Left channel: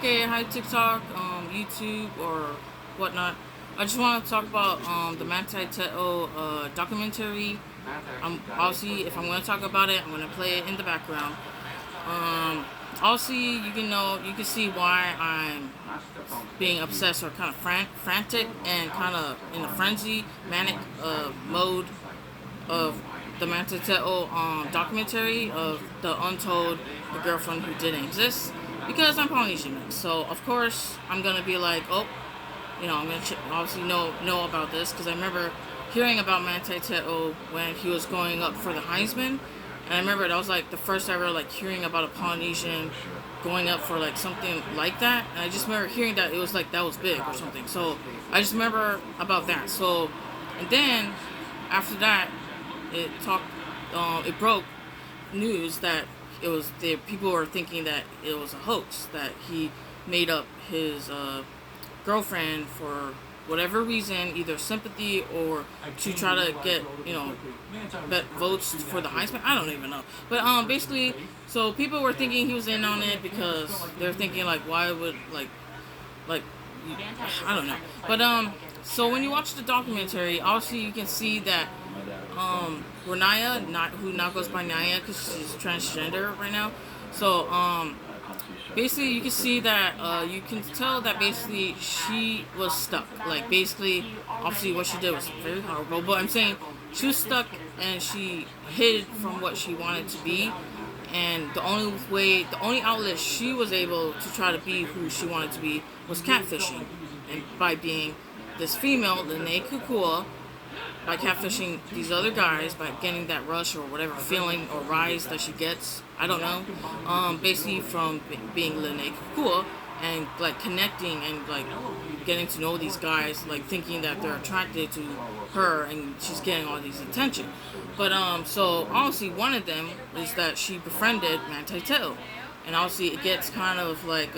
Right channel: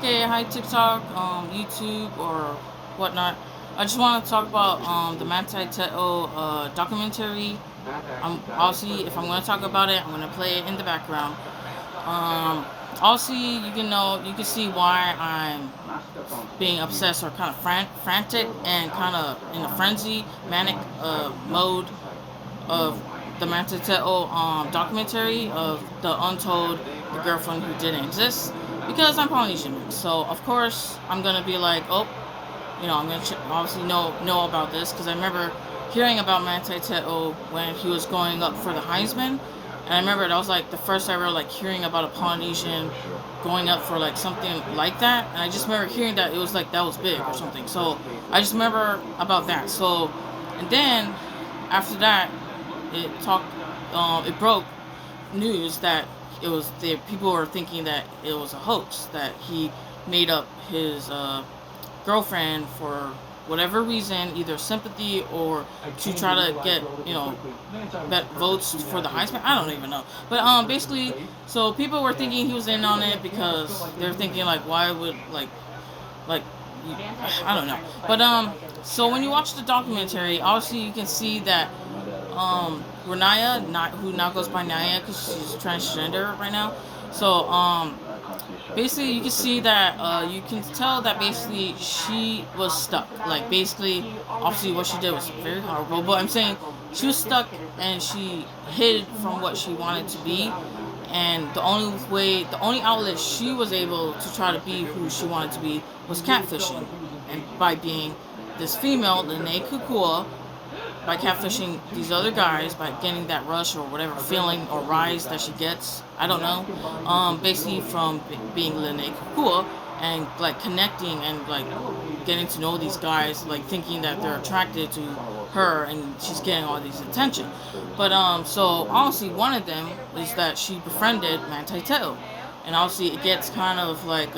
Okay, hi TikTok, YouTube, or whatnot. I just want to talk about the Manti Te'o documentary. Obviously, if I'm going to talk about it, I'm going to play it in the background. Um, obviously, you can see why I'm being obsessed or kind of frantic and kind of in a frenzy, manic mode of the Manti Te'o documentary of the girlfriend who didn't exist, because I'm Polynesian. So of course I'm gonna be like, oh, I'm gonna obviously know about this because I remember hearing about Manti Te'o when he was going up for the Heisman, and I remember that was like the first ever like hearing about a Polynesian going up for like something like that, and I just remember hearing that it was like that was big or something. So I just remember about that. So, and then after that, it broke news that the people were thinking that it was a hoax, that he made up his girlfriend for whatever reason, either sympathy or to try to get votes for the Heisman. I don't even know, but basically, so people were thinking he was in on it because they're thinking like, why would like I don't know, but so when you watch the documentary, obviously you can see that Renaya, not who now goes by Naya because she's transgender right now. So basically you can see that you can tell that basically she was stuck. Like basically, obviously what she did was very horrible. But I'm saying she was stuck and she hid from what she wanted to be. And the only outlet she was able to try to be who she wanted to be was catfishing, and by being this female, Lene Kukua, by catfishing these other guys, by getting that rush or whatever feeling or rise that she gets, I don't know, basically from being Lene Kukua and like connecting and like getting to know these guys, like thinking that they're attracted to her and she's getting all these attention. But so obviously one of them is that she befriended Manti Te'o, and obviously it gets kind of like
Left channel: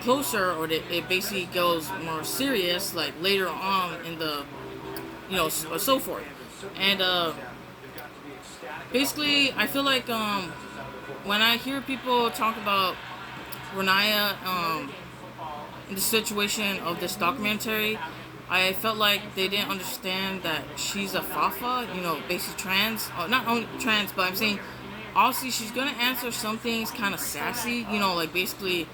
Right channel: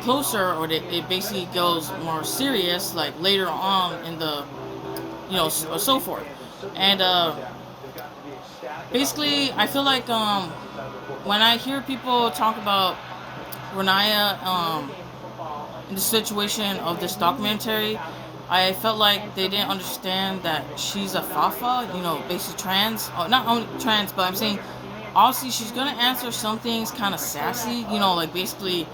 closer, or it basically goes more serious like later on in the or so forth. And basically, I feel like when I hear people talk about Renaya in the situation of this documentary, I felt like they didn't understand that she's a fafa, basically trans. Not only trans, but I'm saying obviously she's gonna answer some things kind of sassy, like basically.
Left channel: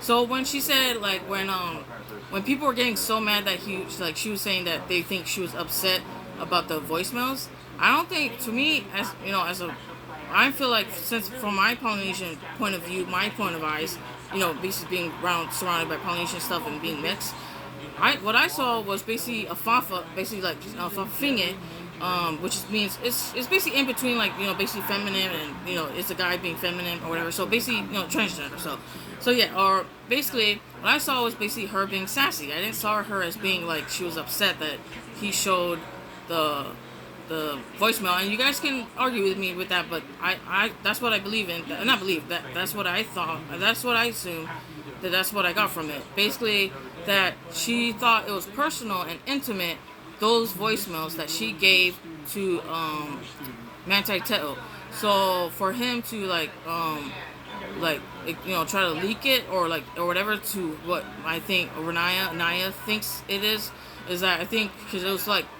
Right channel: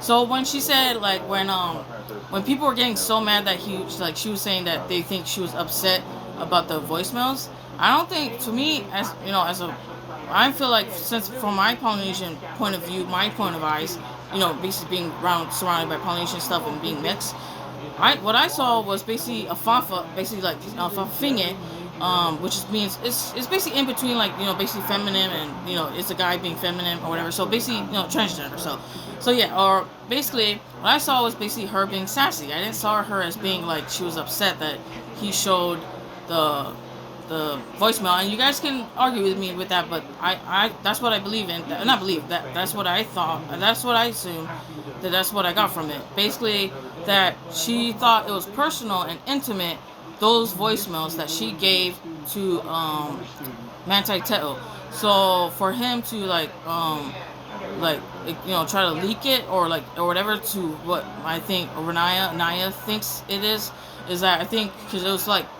So when she said like when people were getting so mad that she was saying that they think she was upset about the voicemails. I don't think, to me, I feel like, since from my Polynesian point of view, my point of eyes, basically being surrounded by Polynesian stuff and being mixed, what I saw was basically a fafa, basically like a fafinge, which means it's basically in between, like basically feminine and it's a guy being feminine or whatever. So basically transgender. So yeah, or basically what I saw was basically her being sassy. I didn't saw her as being like she was upset that he showed the voicemail, and you guys can argue with me with that, but I that's what I believe in. Not believe that. That's what I thought. That's what I assume. That's what I got from it. Basically, that she thought it was personal and intimate. Those voicemails that she gave to Manti Te'o. So for him to try to leak it or whatever to what I think Naya thinks it is that I think because it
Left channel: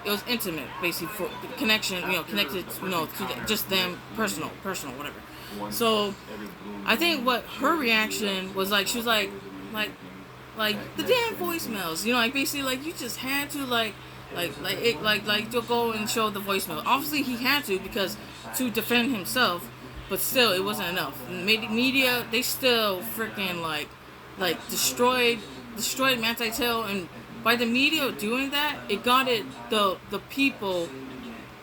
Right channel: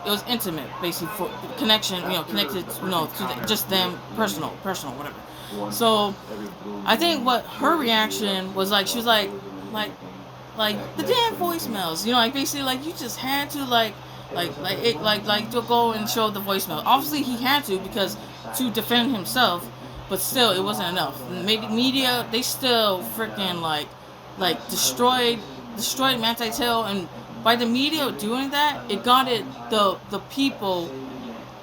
was intimate, basically, for connection, connected, to just them, personal, whatever. So I think what her reaction was like, she was like the damn voicemails, like basically like you just had to to go and show the voicemail. Obviously he had to, because to defend himself, but still it wasn't enough. Media, they still freaking like destroyed Manti Te'o, and by the media doing that, it got the people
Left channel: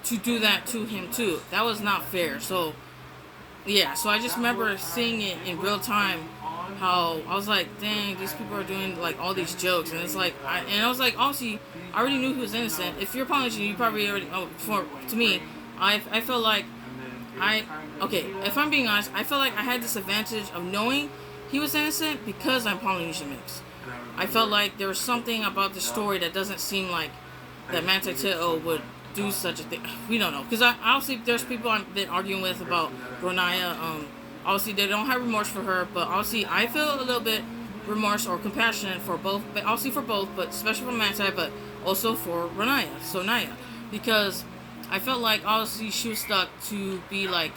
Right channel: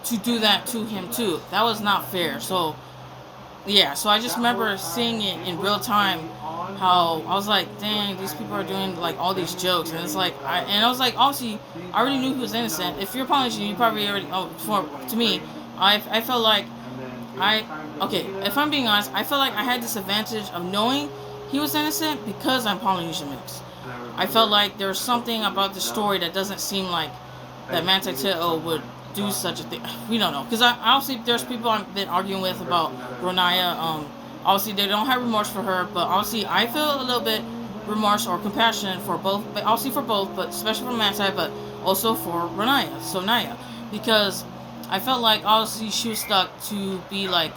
to do that to him too. That was not fair. So yeah, so I just remember seeing it in real time, how I was like, dang, these people are doing like all these jokes, and it's like I was like, obviously I already knew he was innocent. If you're Polynesian, you probably already to me, I felt like if I'm being honest, I felt like I had this advantage of knowing he was innocent because I'm Polynesian mixed. I felt like there was something about the story that doesn't seem like that Manti Te'o would do such a thing. We don't know, because obviously there's people I've been arguing with about Renaya. Obviously, they don't have remorse for her, but obviously, I feel a little bit remorse or compassion for both, but obviously for both, but especially for Manti, but also for Naya, because I felt like obviously she was stuck to be like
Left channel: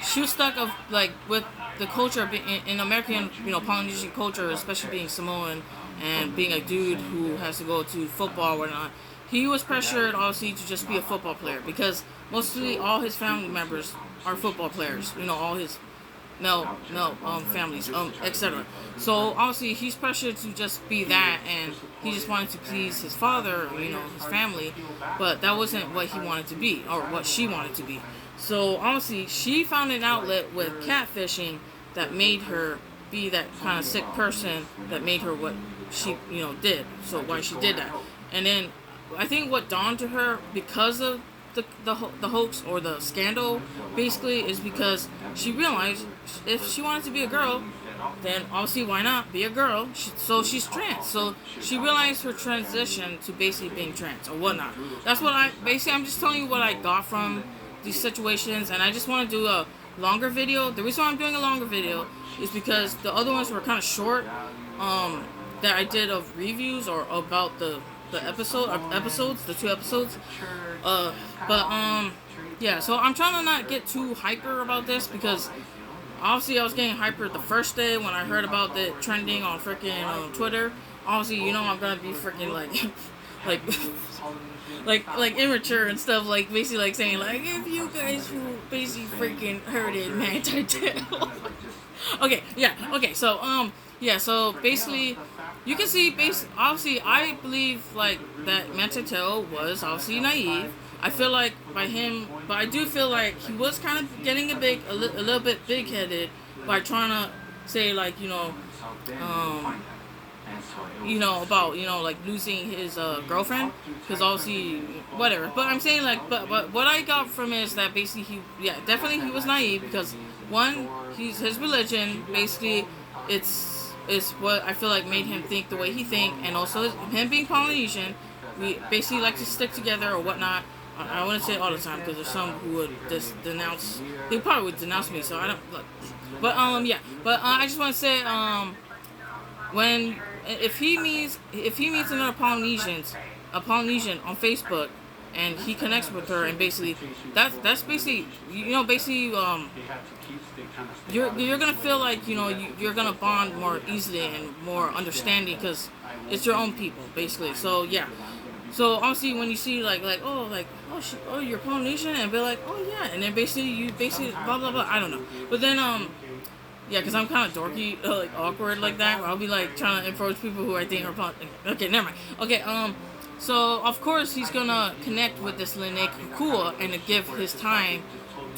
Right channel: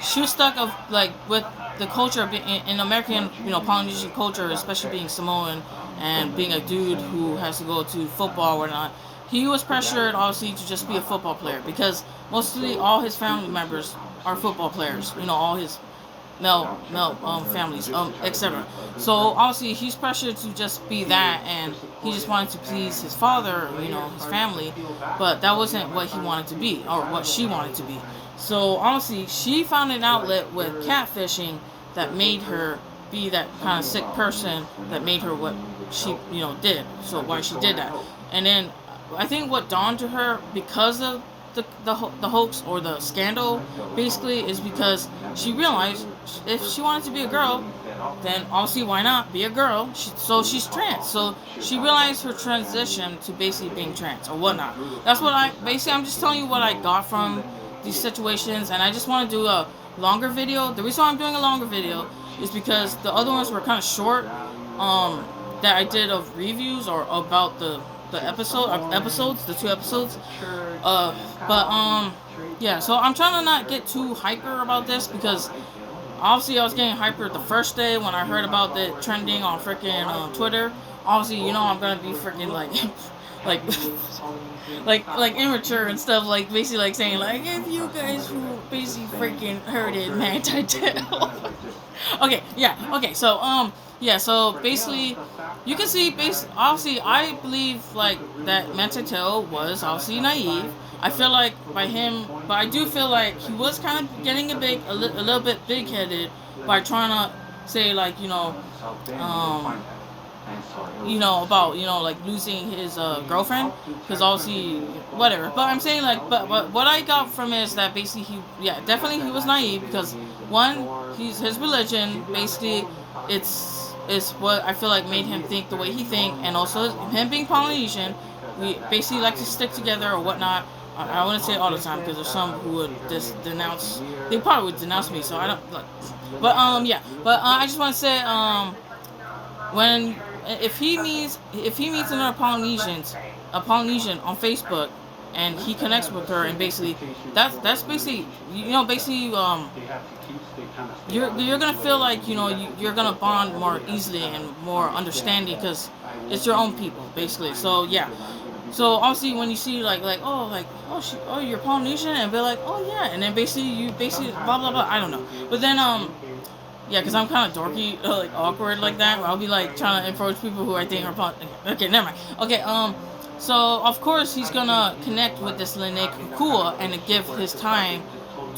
she was stuck of like with the culture in American, Polynesian culture, especially being Samoan and being a dude who has to go to football or not. He was pressured obviously to just be a football player because mostly all his family members are football players. All his male families, etc. So obviously he's pressured to just be that, and he just wanted to please his father, his family, but that wasn't what he wanted to be or what she wanted to be. So honestly, she found an outlet with catfishing that made her be that kind of sick person that made her what she did. So why she did that, and then I think what dawned to her because of the hoax or the scandal basically is because she realized if she wanted to be a girl, then obviously why not be a girl? So she's trans. So she realized her transition to basically being trans or whatnot. That's what I'm just telling you what I got from these situations, and I just want to do a longer video. The reason why I'm doing a longer video is because the other ones were kind of short that I did of reviews or about the episodes, the 2 episodes. Yeah, so I'm trying to not get too hyper about this because obviously I was getting hyper the first day when I heard about the trending on freaking Twitter. Obviously, I'm gonna be freaking like like immature and stuff, like basically like saying like if you guys who basically freaking heard it, Manti Te'o. Okay, so basically you can see obviously I believe like that Manti Te'o was obviously naive. I feel like by him, but I do feel like he was kind of getting a little bit big headed by trying to say like about like losing his girlfriend, because obviously whatever. But I'm saying like but what I got from it is that basically definitely he was naive because one, his religion basically it's what I feel like made him think the way he think, and also him being Polynesian, we basically like to stick together or whatnot. I wouldn't say it all the time because there's some who would denounce. They probably would denounce me, so I don't like. But I just want to say when if he meets another a Polynesian on Facebook, and he connects with her, and basically that's basically you're gonna feel like you're gonna bond more easily and more understanding because it's your own people basically. So yeah. So obviously when you see like you're Polynesian, and be like, oh yeah, and then you blah blah blah, I don't know. But then because I'm kind of dorky, like awkward like that, where I'll be like trying to approach people who I think are Polynesian. Okay, never mind. Okay, so of course he's gonna connect with this Lene Kukua and to give his time,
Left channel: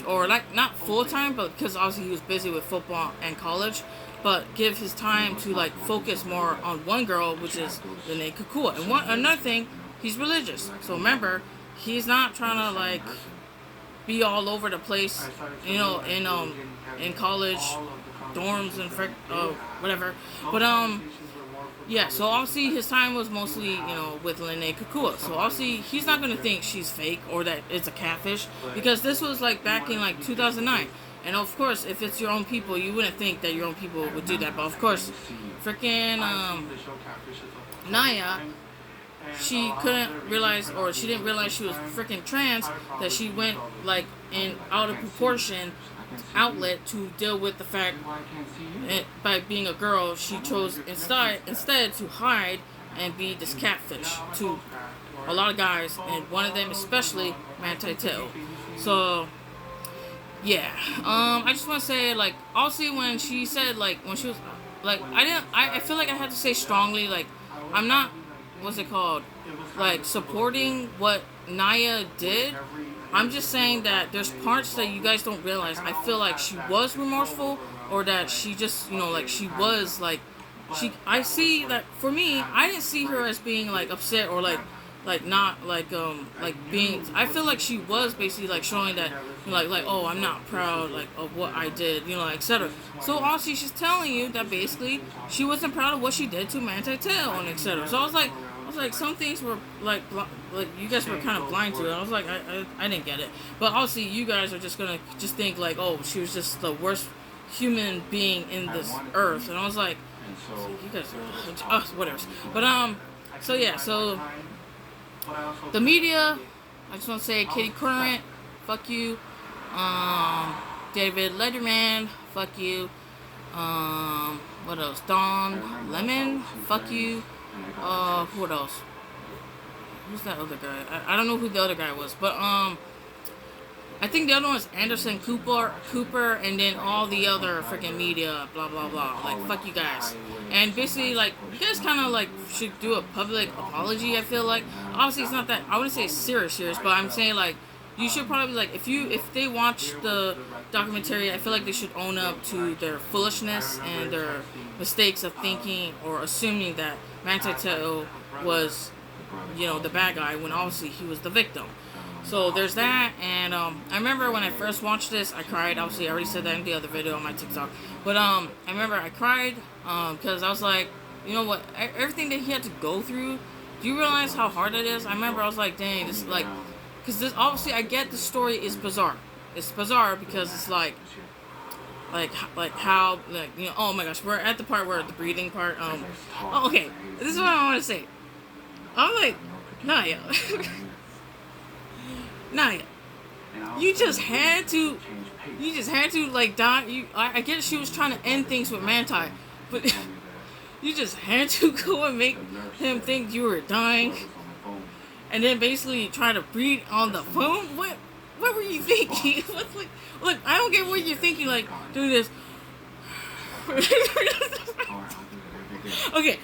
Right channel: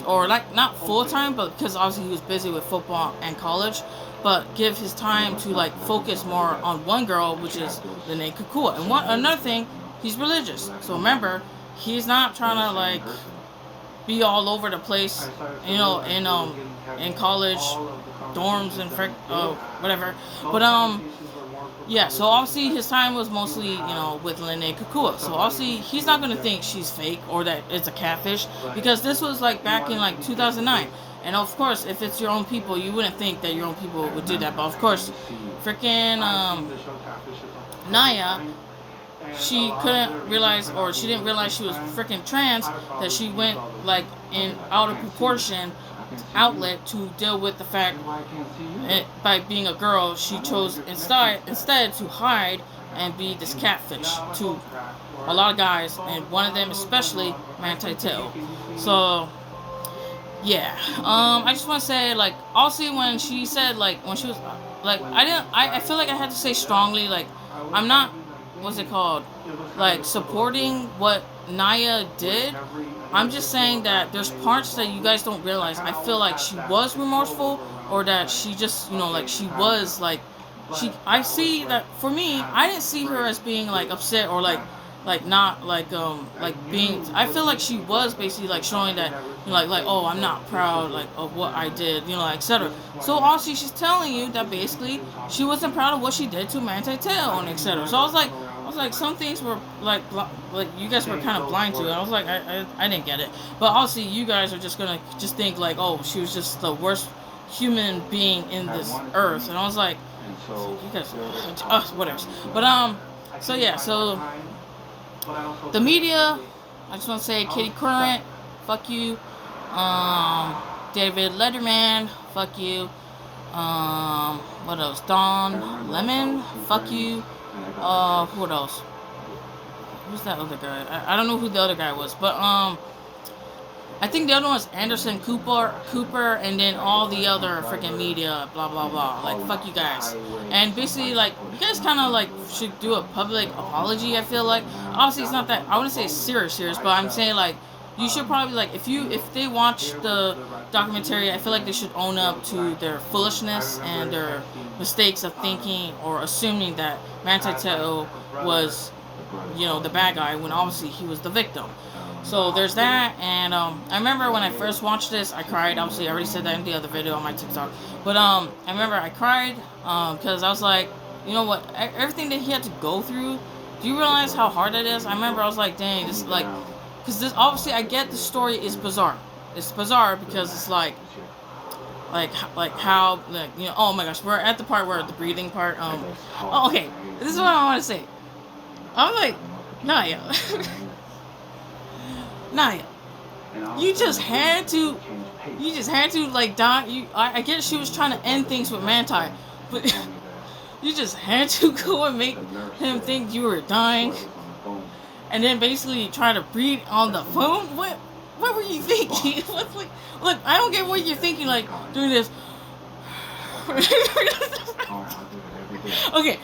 or like not full time, but because obviously he was busy with football and college, but give his time to like focus more on one girl, which is Lene Kukua. And another thing, he's religious. So remember, he's not trying to like be all over the place, in college dorms and whatever. But so obviously his time was mostly with Lene Kukua. So obviously he's not gonna think she's fake or that it's a catfish, because this was like back in like 2009. And of course, if it's your own people, you wouldn't think that your own people would do that. But of course, freaking Naya, she didn't realize she was freaking trans, that she went like in out of proportion outlet to deal with the fact by being a girl, she chose instead to hide and be this catfish to a lot of guys, and one of them especially Manti Te'o. So yeah, I just want to say like also when she said like when she was like I feel like I had to say strongly like I'm not what's it called like supporting what Naya did. I'm just saying that there's parts that you guys don't realize. I feel like she was remorseful, or that she just, like she was like, I see that for me, I didn't see her as being like upset or like not like being, I feel like she was basically like showing that, like, oh, I'm not proud like of what I did, etc. So also she's telling you that basically she wasn't proud of what she did to Manti Te'o and etc. So I was like, was like, some things were like you guys were kind of blind to it. I was like, I didn't get it. But obviously, you guys are just gonna just think like, oh, she was just the worst human being in this earth. And I was like, you guys, whatever. But so yeah, so the media. I just want to say, Katie Couric, fuck you. David Letterman, fuck you. What else? Don Lemon, fuck you. What else? Who's that other guy? I don't know who the other guy was, but I think the other one was Anderson Cooper, and then all the other freaking media, blah blah blah. Like, fuck you guys. And basically, like, you guys kind of like should do a public apology. I feel like, obviously, it's not that, I wouldn't say serious, but I'm saying like, you should probably, like, if they watch the documentary, I feel like they should own up to their foolishness and their mistakes of thinking or assuming that Manti Te'o was, the bad guy when obviously he was the victim. So there's that. And I remember when I first watched this, I cried. Obviously, I already said that in the other video on my TikTok. But I remember I cried because I was like, you know what? Everything that he had to go through. Do you realize how hard that is? I remember I was like, dang, this is like, because this, obviously I get the story is bizarre. It's bizarre because it's like how, like, oh my gosh, we're at the part where the breathing part. Okay, this is what I want to say. I'm like, Naya. Naya, you just had to like die. I guess she was trying to end things with Manti, but you just had to go and make him think you were dying, and then basically try to breathe on the phone. What were you thinking? Like, look, I don't get what you're thinking. Like, doing this. Okay.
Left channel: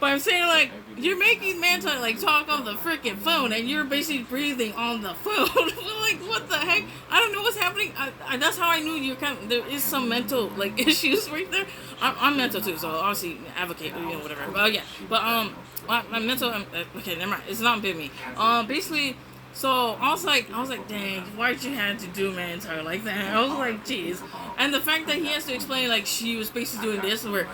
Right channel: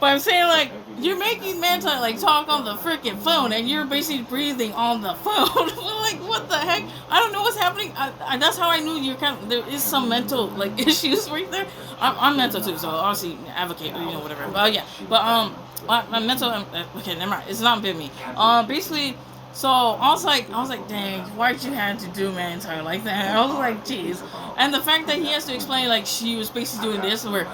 But I'm saying, like, you're making Manti like talk on the freaking phone, and you're basically breathing on the phone. Like, what the heck? I don't know what's happening. I that's how I knew you're there is some mental like issues right there. I'm mental too, so obviously advocate, whatever. But yeah, but my mental. Okay, never mind. It's not been me. Basically. So I was like, dang, why'd you have to do Manti like that? I was like, jeez. And the fact that he has to explain, like, she was basically doing this or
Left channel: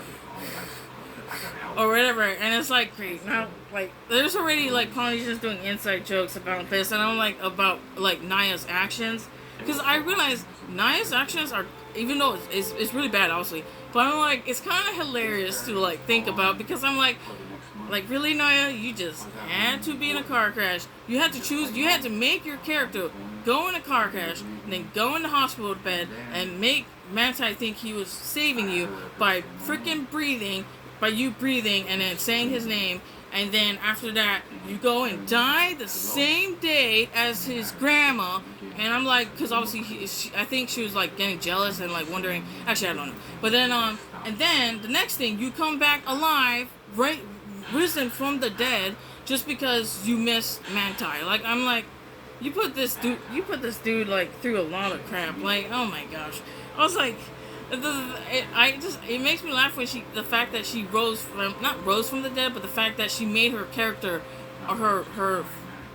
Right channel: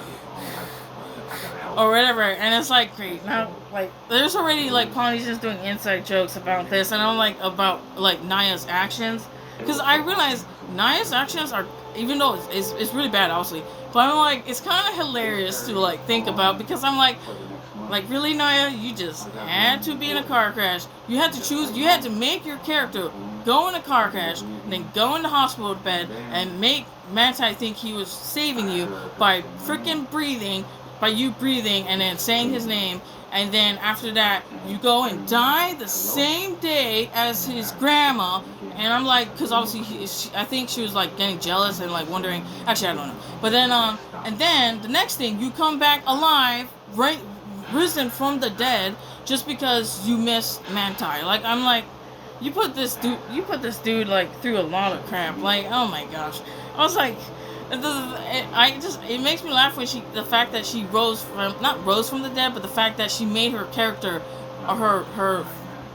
whatever, and it's like, great. Now, like, there's already, like, Polynesians doing inside jokes about this, and I'm like, about, like, Naya's actions. Because I realized Naya's actions are, even though it's really bad, obviously, but I'm like, it's kind of hilarious to, like, think about, because I'm like, really, Naya, you just had to be in a car crash. You had to make your character go in a car crash, and then go in the hospital bed, and make Manti think he was saving you by freaking breathing, and then saying his name, and then after that, you go and die the same day as his grandma. And I'm like, because obviously, I think she was, like, getting jealous and, like, wondering, actually, I don't know. But then, and then, the next thing, you come back alive, right, risen from the dead, just because you missed Manti. Like, I'm like, you put this dude like through a lot of crap. Like, oh my gosh. I was like, it makes me laugh when the fact that she not rose from the dead, but the fact that she made her character, or her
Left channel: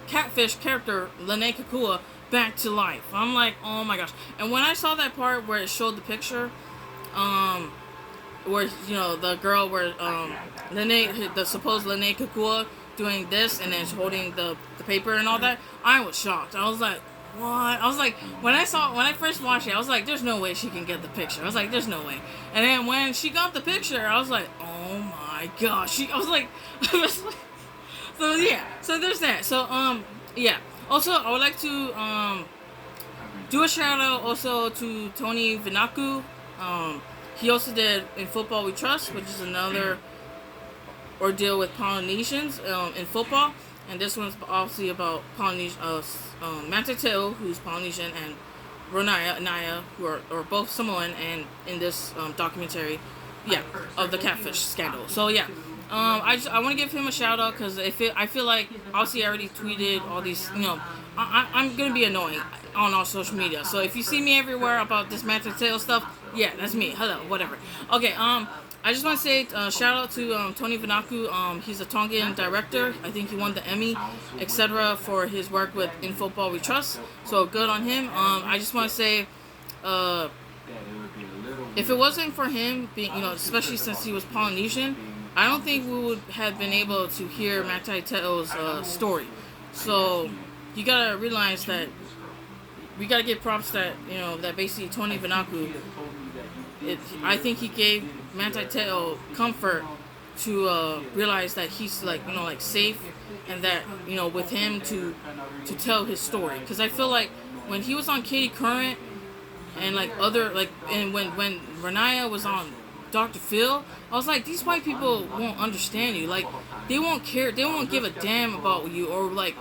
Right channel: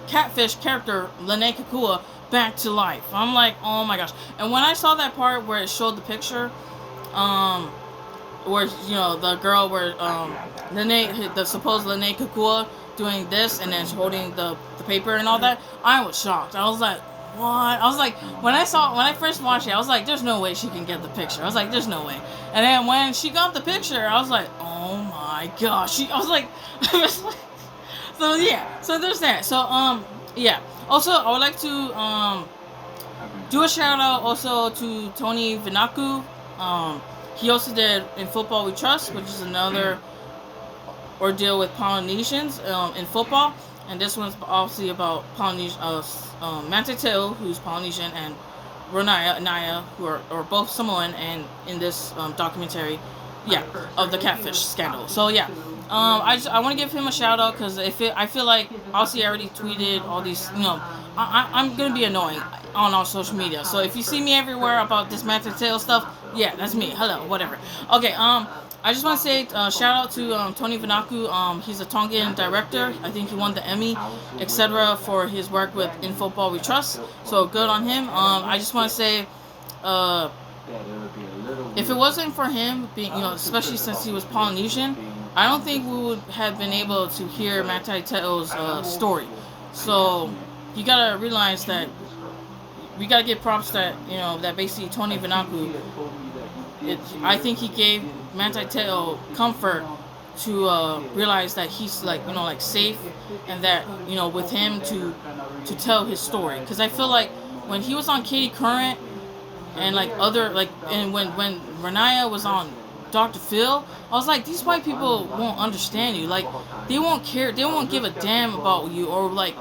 catfish character, Lene Kakua, back to life. I'm like, oh my gosh. And when I saw that part where it showed the picture, where, the girl where, the supposed Lene Kakua doing this and then holding the paper and all that, I was shocked. I was like, what? I was like, when I first watched it, I was like, there's no way she can get the picture. I was like, there's no way. And then when she got the picture, I was like, oh my gosh. I was like, so yeah, so there's that. So, yeah. Also, I would like to, do a shout out also to Tony Vinaku. He also did In Football We Trust, which is another ordeal with Polynesians in football. And this one's obviously about Manti Te'o, who's Polynesian, and Naya, who are both Samoan, and in this documentary, of the catfish scandal. So yeah, I want to give him a shout out because I feel like obviously I already tweeted all these. I'm gonna be annoying on all social media. So if you see me everywhere about this Manti Te'o stuff, yeah, that's me. Hello, whatever. Okay, I just want to say shout out to Tony Vinaku. He's a Tongan director. I think he won the Emmy, etc., for his work with In Football We Trust. So good on him. I just want to say, if it wasn't for him being, especially since he was Polynesian, I don't think we would have been able to hear Manti Te'o's story. So you gotta realize that we gotta give props that that basically Tony Vanaku. I think he gave Manti Te'o comfort to realize that he's like like safe, and that with him to tell his story. Because I feel like when he was on Katie Current and like other like and when Renaya was on Dr. Phil, I was like, these white people won't understand you. Like they won't care. They won't give a damn about you, or like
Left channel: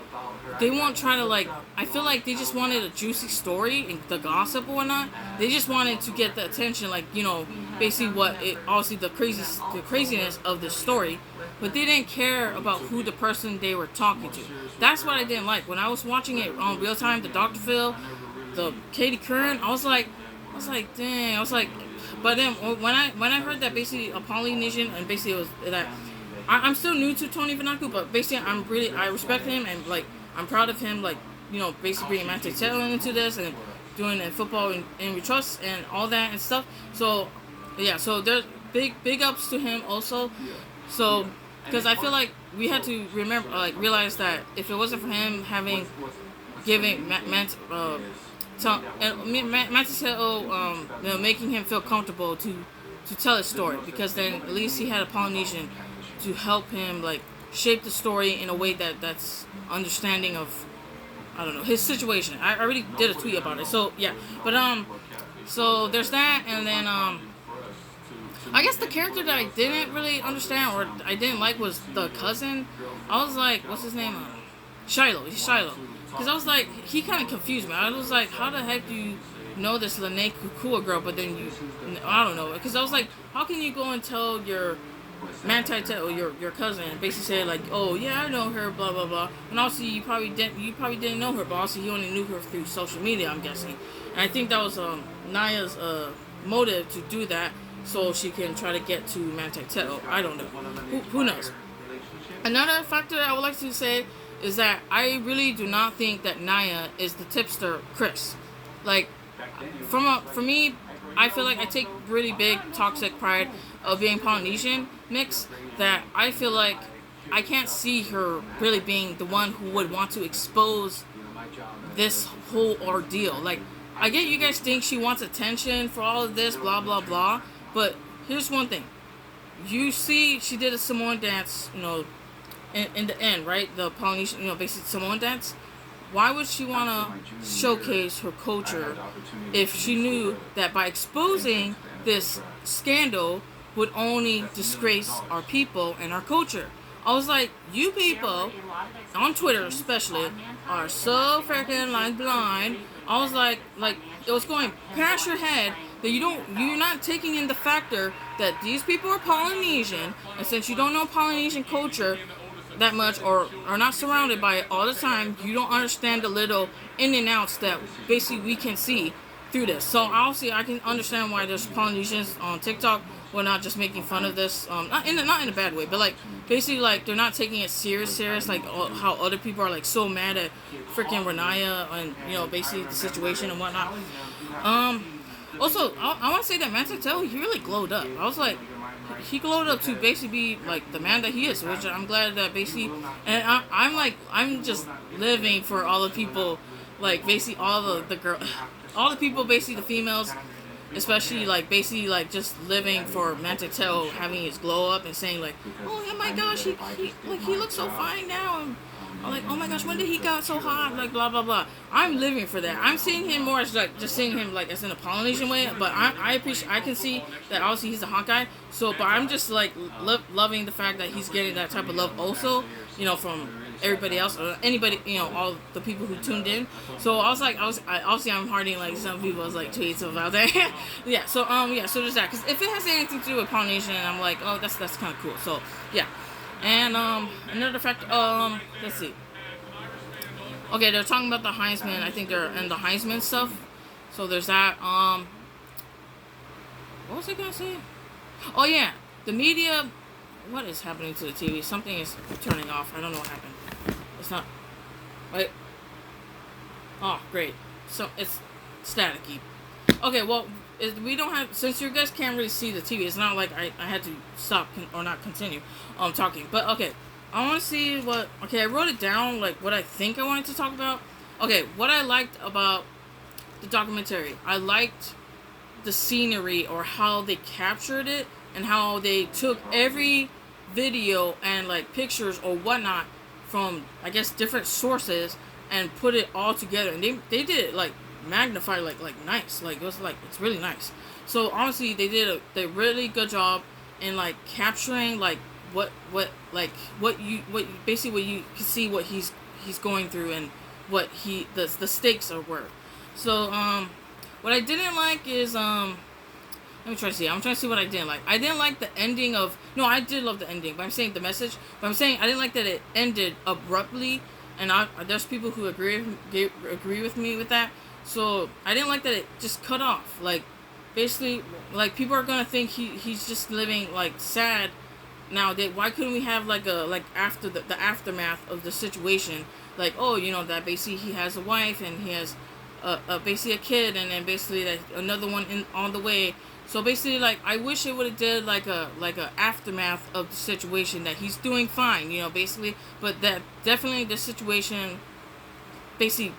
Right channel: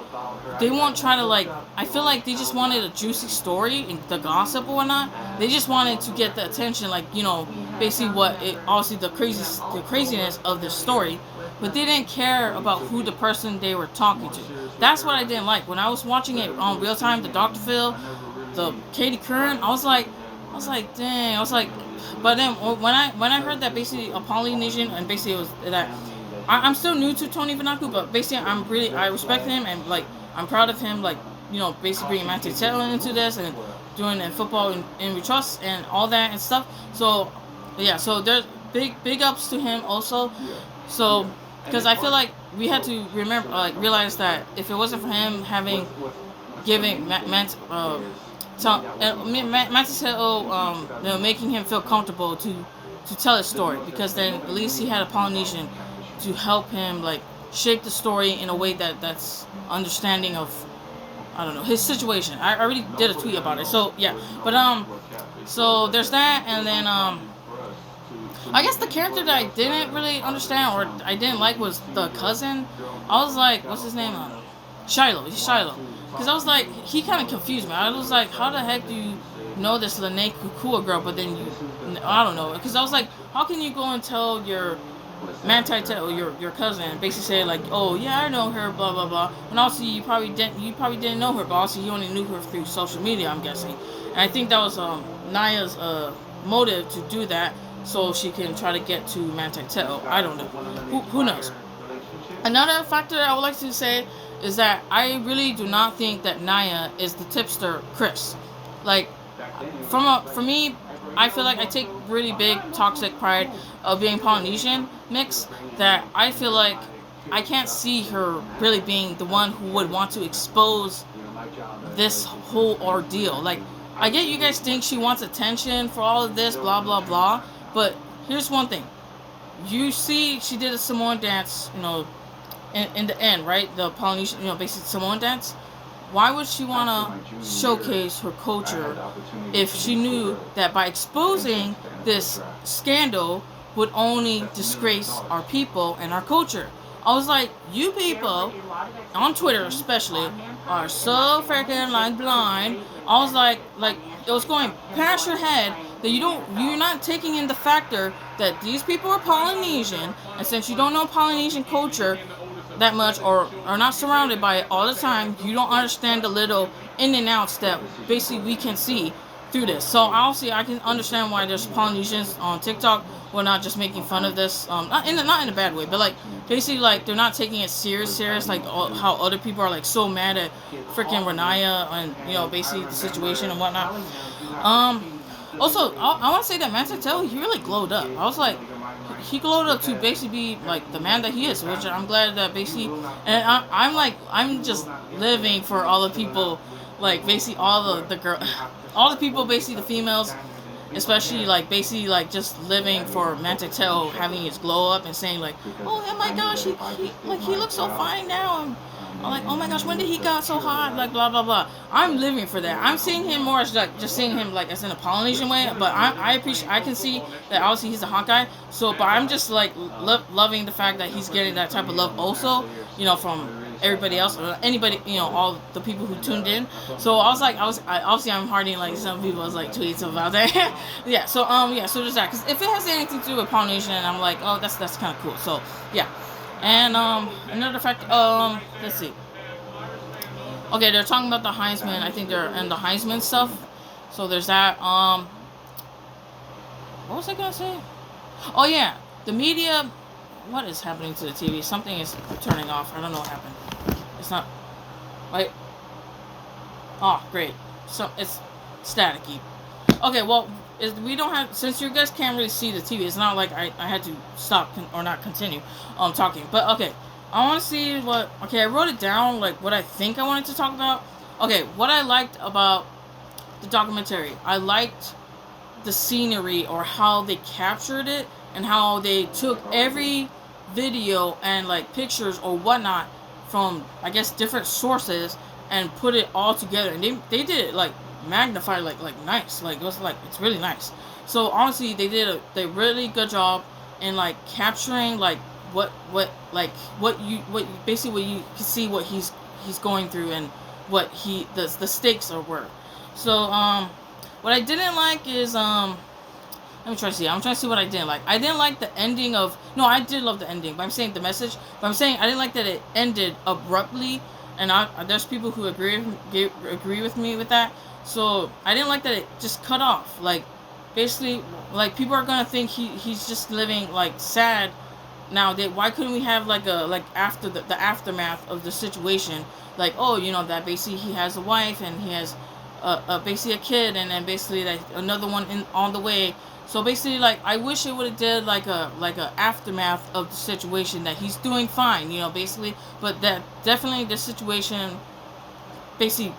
they won't try to like. I feel like they just wanted a juicy story and the gossip or whatnot. They just wanted to get the attention, like basically what it obviously the craziness of the story, but they didn't care about who the person they were talking to. That's what I didn't like when I was watching it on real time. The Dr. Phil, the Katie Curran, I was like, dang, I was like, but then when I heard that basically a Polynesian, and basically it was that I'm still new to Tony Vanaku, but basically I respect him, and like I'm proud of him, like basically bringing Manti Te'o into this and doing football in we trust and all that and stuff. So yeah, so there's big ups to him also. So because I feel like we had to realize that if it wasn't for him having giving Manti Te'o making him feel comfortable to tell his story, because then at least he had a Polynesian to help him like shape the story in a way that's understanding of, I don't know, his situation. I already did a tweet about it. So yeah, but so there's that, and then I guess the character that I didn't really understand or I didn't like was the cousin. I was like, what's his name? Shiloh. He's Shiloh. Because I was like, he kind of confused me. I was like, how the heck do you know this Lene Kukua girl, but then I don't know. Because I was like, how can you go and tell your Manti Te'o, your cousin, basically say like, oh yeah, I know her, blah blah blah. And also you probably didn't know her, but also you only knew her through social media, I'm guessing. And I think that was Naya's motive to do that, so she can try to get to Manti Te'o. I don't know. Who knows? Another factor I would like to say is that I really do not think that Naya is the tipster Chris. Like, for me, I feel like I take really big toxic pride of being Polynesian mix, that I feel like I can't see her really being the one who would want to expose this whole ordeal. Like, I get you guys think she wants attention for all of this, blah blah blah, but here's one thing. You see she did a Samoan dance, in the end, right? The Polynesian, basically Samoan dance. Why would she want to showcase her culture if she knew that by exposing this scandal would only disgrace our people and our culture? I was like, you people, on Twitter especially, are so freaking like blind. I was like it was going past your head that you're not taking in the factor that these people are Polynesian, and since you don't know Polynesian culture that much, or are not surrounded by it all the time, you don't understand the little in and outs that basically we can see through this. So obviously I can understand why there's Polynesians on TikTok who are not just making fun of this, not in a bad way, but like basically like they're not taking it serious like how other people are like so mad at freaking Renaya and basically the situation and whatnot. Also I want to say that Manti Te'o, he really glowed up. I was like, he glowed up to basically be like the man that he is, which I'm glad that basically, and I'm just living for all the people, like basically all the girl, all the people, basically the females, especially like basically like just living for Manti Te'o having his glow up and saying like, oh my gosh, he looks so fine now. And I'm like, oh my gosh, when did he got so hot? Like blah blah blah. I'm living for that. I'm seeing him more as like just seeing him like as in a Polynesian way. But I appreciate. I can see that obviously he's a hot guy. So, but I'm just like loving the fact that he's getting that type of love also. From everybody else or anybody. All the people who tuned in. So I was obviously I'm hearting like some people's like tweets about that. Yeah. So So just that, because if it has anything to do with Polynesian, I'm like, oh that's kind of cool. So yeah. And another fact, let's see. Okay, they're talking about the Heisman. I think they're in the Heisman stuff. So there's that. What was I gonna say? Oh yeah, the media. What is happening to the TV? Something is turning off. I don't know what happened. It's not. Like. Oh, great. So it's staticky. Okay, well, we don't have, since you guys can't really see the TV. It's not like I had to stop or not continue talking. But okay, I want to see what. Okay, I wrote it down like what I think I wanted to talk about. Okay, what I liked about the documentary, I liked the scenery or how they captured it and how they took every video and like pictures or whatnot from I guess different sources and put it all together, and they did it like magnified, like nice, like it was like it's really nice. So honestly they did a really good job in like capturing like what like what basically what you can see what he's going through and what the stakes are were. So what I didn't like is let me try to see. I'm trying to see what I didn't like. I didn't like the ending of. No, I did love the ending, but I'm saying the message. But I'm saying I didn't like that it ended abruptly, and there's people who agree with me with that. So I didn't like that it just cut off. Like, basically, like people are gonna think he's just living like sad. Now, why couldn't we have like a like after the aftermath of the situation? Like, oh, that basically he has a wife and he has basically a kid, and then basically that another one on the way. So basically, like I wish it would have did like a aftermath of the situation that he's doing fine, basically, but that definitely the situation basically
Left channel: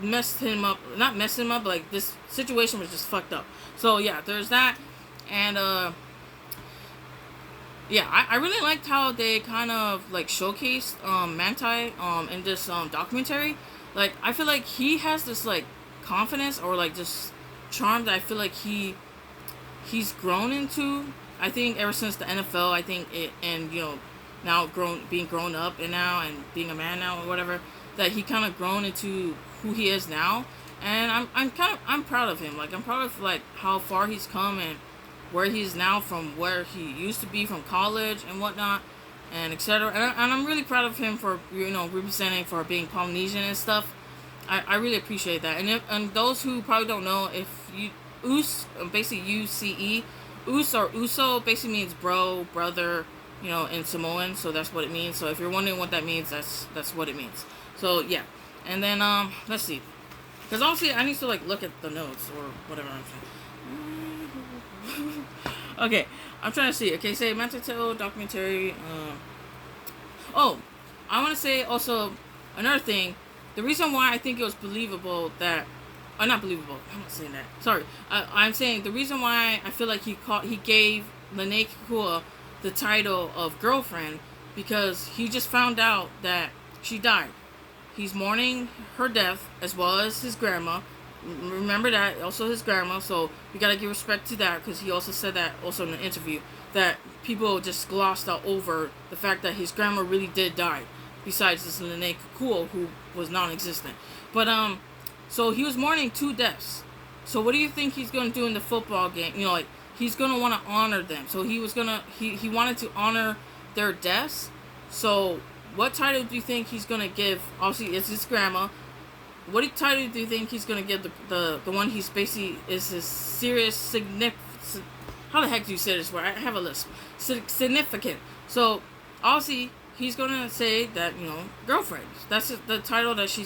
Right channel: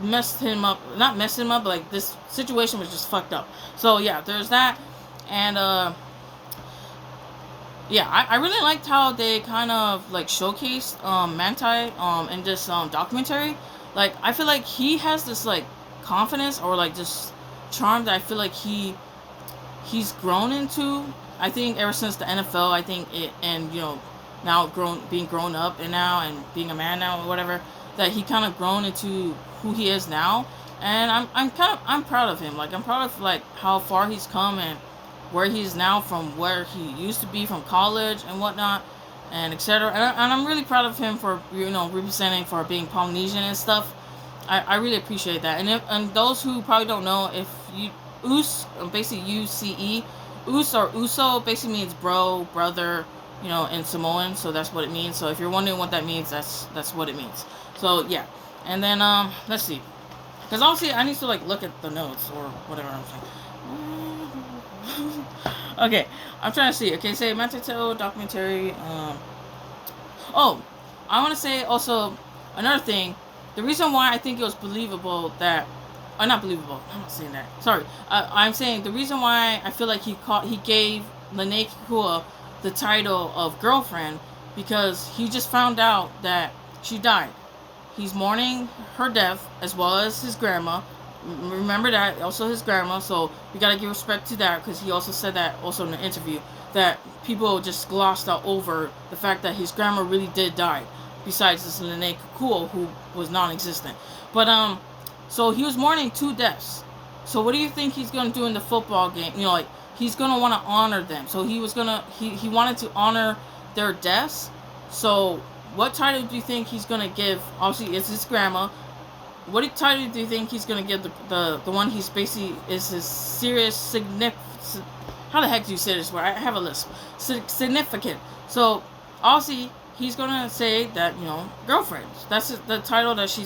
messed him up, not messed him up, but like this situation was just fucked up. So yeah, there's that, and yeah, I really liked how they kind of like showcased Manti in this documentary. Like I feel like he has this like confidence or like just charm that I feel like he's grown into. I think ever since the NFL, I think it, and now being grown up and now and being a man now or whatever, that he kind of grown into who he is now. And I'm proud of him. Like I'm proud of like how far he's come and where he is now from where he used to be from college and whatnot, and etc. And I'm really proud of him for representing for being Polynesian and stuff. I really appreciate that. And those who probably don't know, if you basically UCE, or Uso basically means bro, brother, in Samoan. So that's what it means. So if you're wondering what that means, that's what it means. So yeah, and then let's see, because obviously I need to like look at the notes or whatever I'm saying. Okay, I'm trying to see. Okay, say Manti Te'o documentary. Oh, I want to say also another thing. The reason why I think it was believable that, or not believable, I'm not saying that. Sorry, I'm saying the reason why I feel like he gave Lene Kekua the title of girlfriend, because he just found out that she died. He's mourning her death as well as his grandma. Remember that, also his grandma. So we gotta give respect to that, because he also said that also in the interview that people just glossed out over the fact that his grandma really did die. Besides this Lene Kekua, who was non-existent. But so he was mourning 2 deaths. So what do you think he's gonna do in the football game? Like he's gonna want to honor them. So he wanted to honor their deaths. So what title do you think he's gonna give? Obviously, it's his grandma. What title do you think he's gonna give the one he's basically is his serious significant? How the heck do you say this word? I have a list. Significant. So obviously he's gonna say that girlfriend. That's the title that she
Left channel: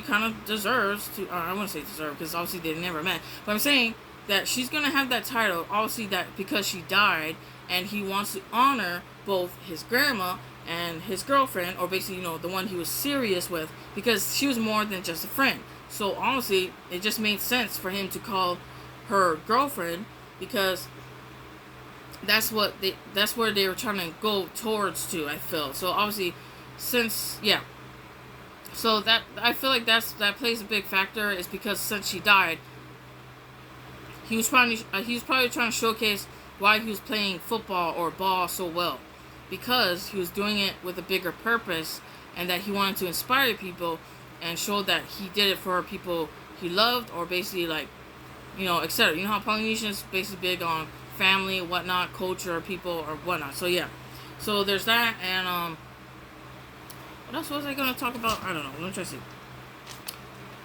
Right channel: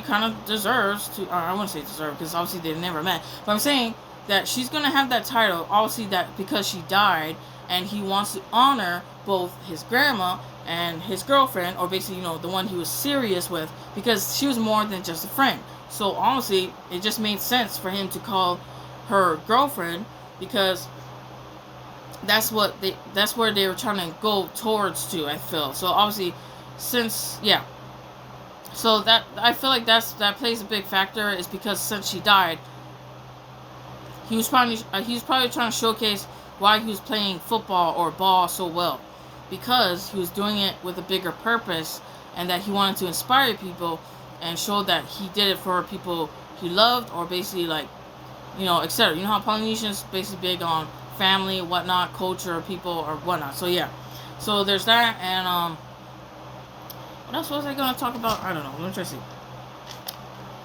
kind of deserves to. I wouldn't say deserve, because obviously they never met. But I'm saying that she's gonna have that title. Obviously that because she died, and he wants to honor both his grandma and his girlfriend, or basically the one he was serious with, because she was more than just a friend. So honestly, it just made sense for him to call her girlfriend, because that's where they were trying to go towards to, I feel. So obviously, so that I feel like that plays a big factor, is because since she died, he was probably trying to showcase why he was playing football or ball so well, because he was doing it with a bigger purpose, and that he wanted to inspire people and show that he did it for people he loved, or basically like etc. You know how Polynesians basically big on family, whatnot, culture, people, or whatnot. So yeah, so there's that. And what else was I gonna talk about? I don't know. Let me try to see.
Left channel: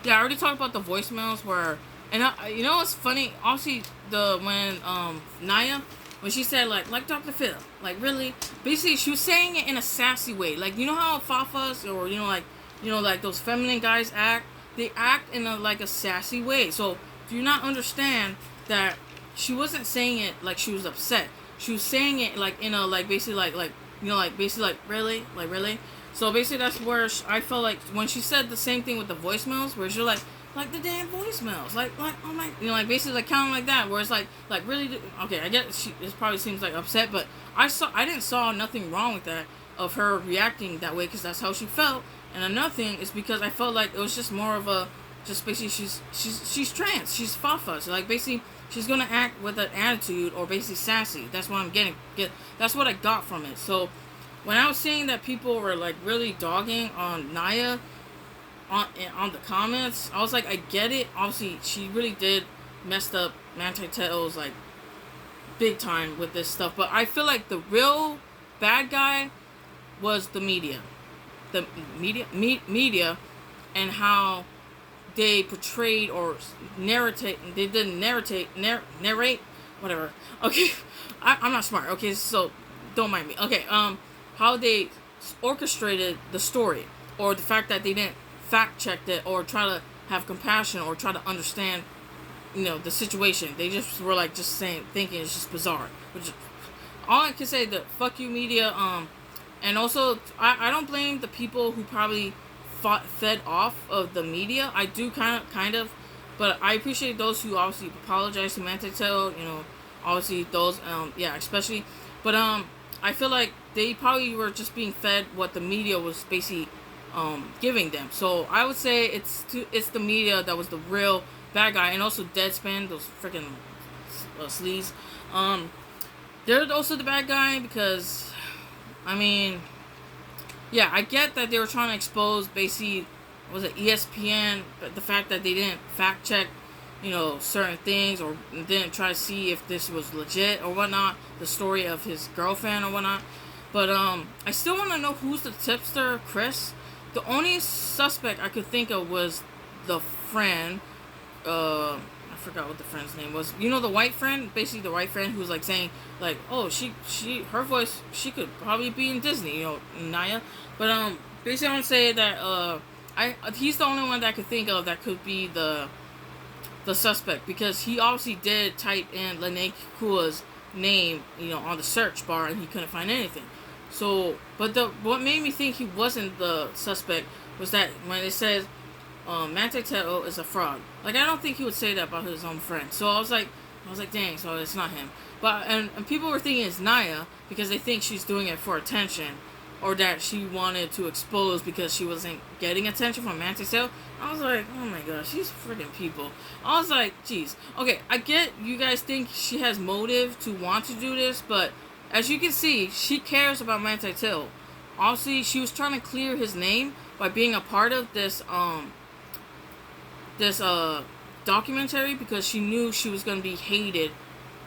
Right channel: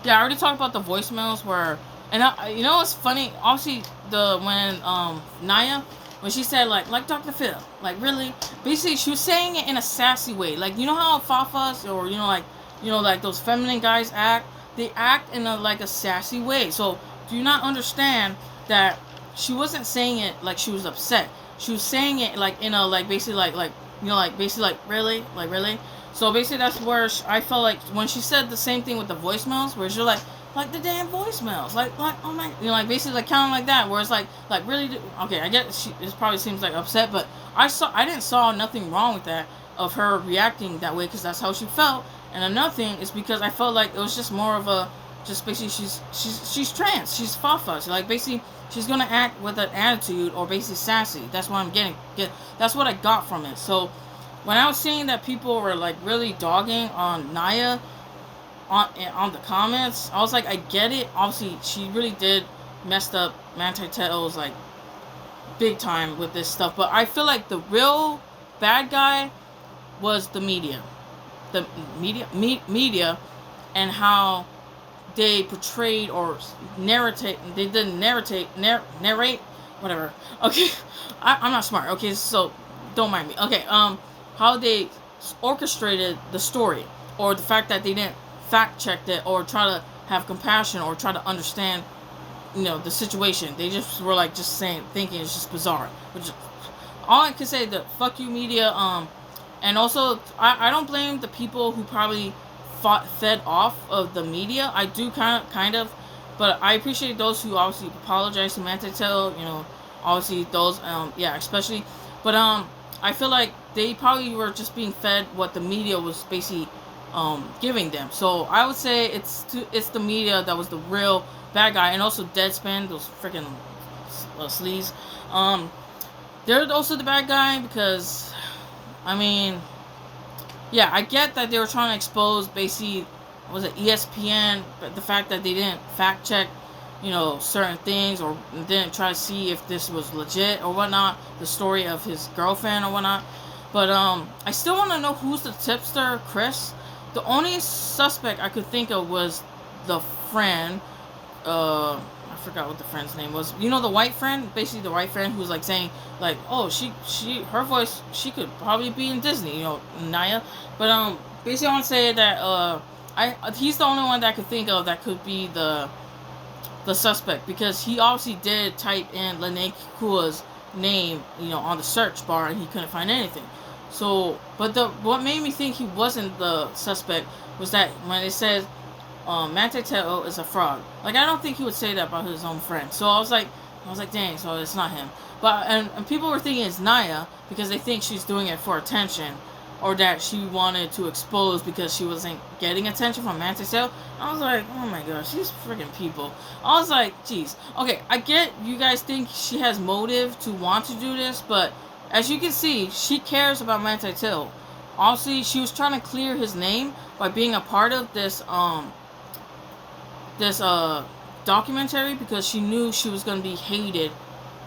Yeah, I already talked about the voicemails where, and what's funny? Obviously, when Naya, when she said like Dr. Phil, like really, basically she was saying it in a sassy way. Like how Fafas or like those feminine guys act. They act in a sassy way. So do you not understand that she wasn't saying it like she was upset. She was saying it like in a like basically like you know like basically like really. So basically that's where I felt like when she said the same thing with the voicemails, where she's like the damn voicemails, like oh my, you know, like basically like kind of like that, where it's like really okay. I get it probably seems like upset, but I didn't saw nothing wrong with that of her reacting that way because that's how she felt. And another thing is because I felt like it was just more of a just basically she's trans, she's fafa, so like basically she's gonna act with an attitude or basically sassy. That's what I'm get. That's what I got from it. So when I was seeing that people were like really dogging on Naya on the comments, I was like, I get it. Obviously, she really did messed up Manti Te'o's like big time with this stuff. But I feel like the real bad guy was the media, media, and how they portrayed or narrate. They didn't narrate, whatever. Okay, I'm not smart. Okay, so don't mind me. Okay, how they orchestrated the story, or the fact that they didn't fact check it or try to have compassion or try to understand, you know, the situation. They just were like just thinking it's just bizarre. Which all I can say that fuck you media. And also I don't blame the people who probably fed off of the media. I do kind of, but I appreciate those who obviously apologize to Manti Te'o. You know, obviously those yeah, especially, but I feel like they probably were just being fed what the media was basically giving them. So I would say it's the media that was the real bad guy, and also Deadspin, those freaking sleaze. They're also the bad guy because, I mean, yeah, I get that they were trying to expose basically, was it ESPN, but the fact that they didn't fact check, you know, certain things, or didn't try to see if this was legit or whatnot, the story of his girlfriend or whatnot. But I still want to know who's the tipster, Chris. The only suspect I could think of was the friend. I forgot what the friend's name was. You know, the white friend, basically the white friend who was like saying like, oh, her voice, she could probably be in Disney, you know, Naya. But basically I want to say that he's the only one that I could think of that could be the suspect, because he obviously did type in Lene Kua's name, you know, on the search bar, and he couldn't find anything. So, but what made me think he wasn't the suspect was that when it says Manti Te'o is a fraud. Like, I don't think he would say that about his own friend. So I was like, dang, so it's not him. But and people were thinking it's Naya because they think she's doing it for attention, or that she wanted to expose because she wasn't getting attention from Manti Te'o. I was like, oh my gosh, these freaking people. I was like, geez. Okay, I get you guys think she has motive to want to do this, but as you can see, she cares about Manti Te'o. Obviously, she was trying to clear his name by being a part of this documentary, because she knew she was going to be hated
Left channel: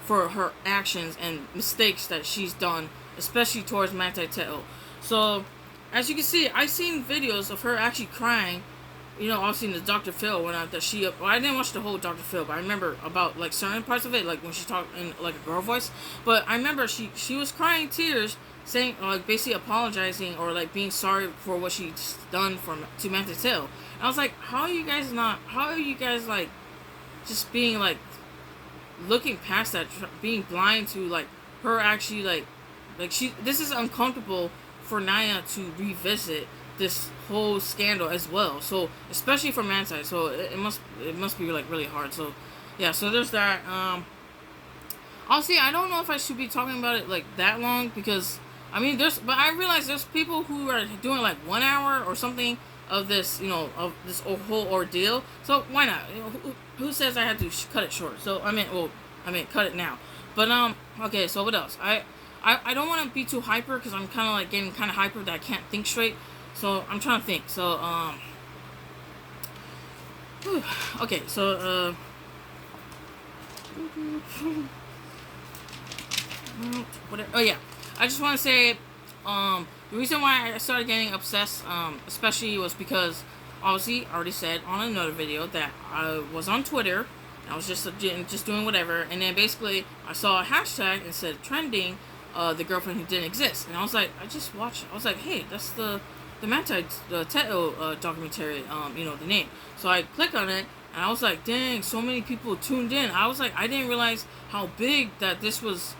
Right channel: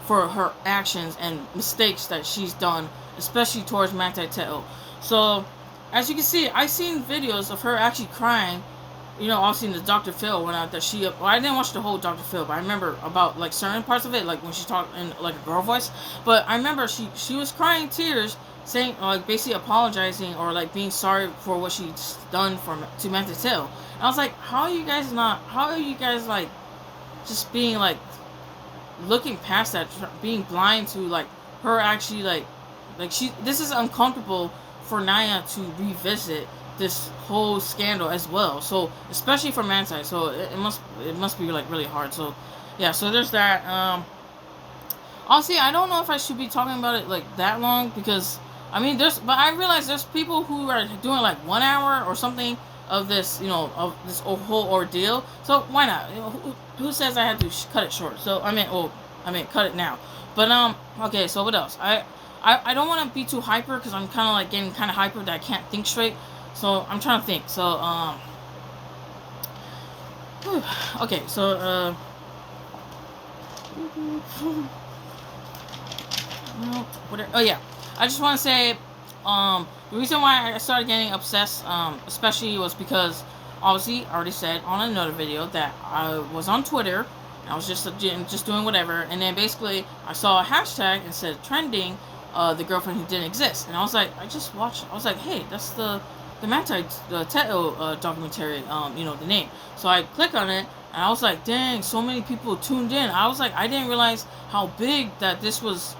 for her actions and mistakes that she's done, especially towards Manti Te'o. So, as you can see, I've seen videos of her actually crying. You know, obviously in the Dr. Phil one out that I didn't watch the whole Dr. Phil, but I remember about like certain parts of it, like when she talked in like a girl voice. But I remember she was crying tears, saying like basically apologizing or like being sorry for what she's done to Manti Te'o. And I was like, how are you guys like just being like looking past that, being blind to like her actually like this is uncomfortable for Naya to revisit this whole scandal as well. So especially for Manti, so it must be like really hard. So yeah, so there's that. Honestly, I don't know if I should be talking about it like that long, because I mean but I realize there's people who are doing like 1 hour or something of this, you know, of this whole ordeal. So why not? You know, who says I have to cut it short? So I mean cut it now. But okay, so what else? I don't want to be too hyper, because I'm kind of like getting kind of hyper that I can't think straight. So I'm trying to think. So okay. So whatever. Oh yeah, I just want to say the reason why I started getting obsessed, especially was because obviously I already said on another video that I was on Twitter. I was just doing whatever, and then basically I saw a hashtag and said trending, the girlfriend who didn't exist, and I was like, I was like, hey, that's the Manti Te'o documentary, you know, the name. So I click on it, And I was like, dang, so many people tuned in. I was like, I didn't realize how big that this was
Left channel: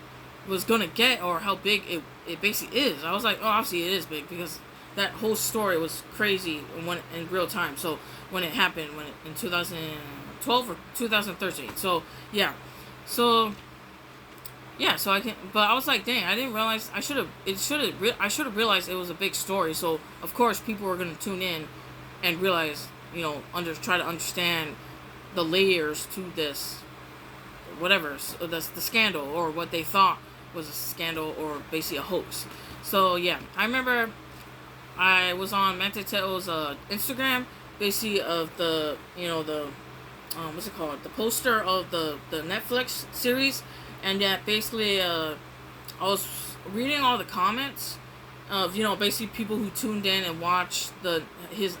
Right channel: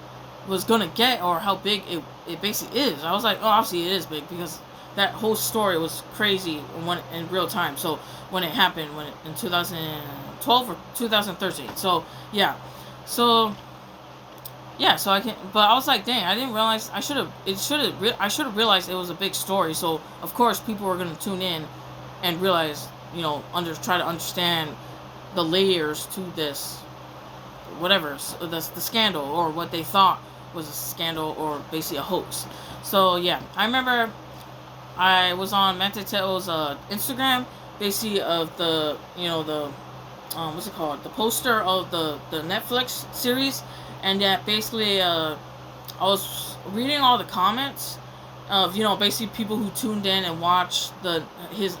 gonna get, or how big it basically is. I was like, oh, obviously it is big because that whole story was crazy when in real time. So when it happened, in 2012 or 2013. So yeah, so yeah, so I can, but I was like, dang, I didn't realize. I should have realized it was a big story. So of course people were gonna tune in and realize, try to understand the layers to this, whatever, the scandal, or what they thought was a scandal, or basically a hoax. So yeah, I remember I was on Manti Te'o's Instagram, basically of the, the what's it called, the poster of the Netflix series, and that basically I was reading all the comments of, basically people who tuned in and watched his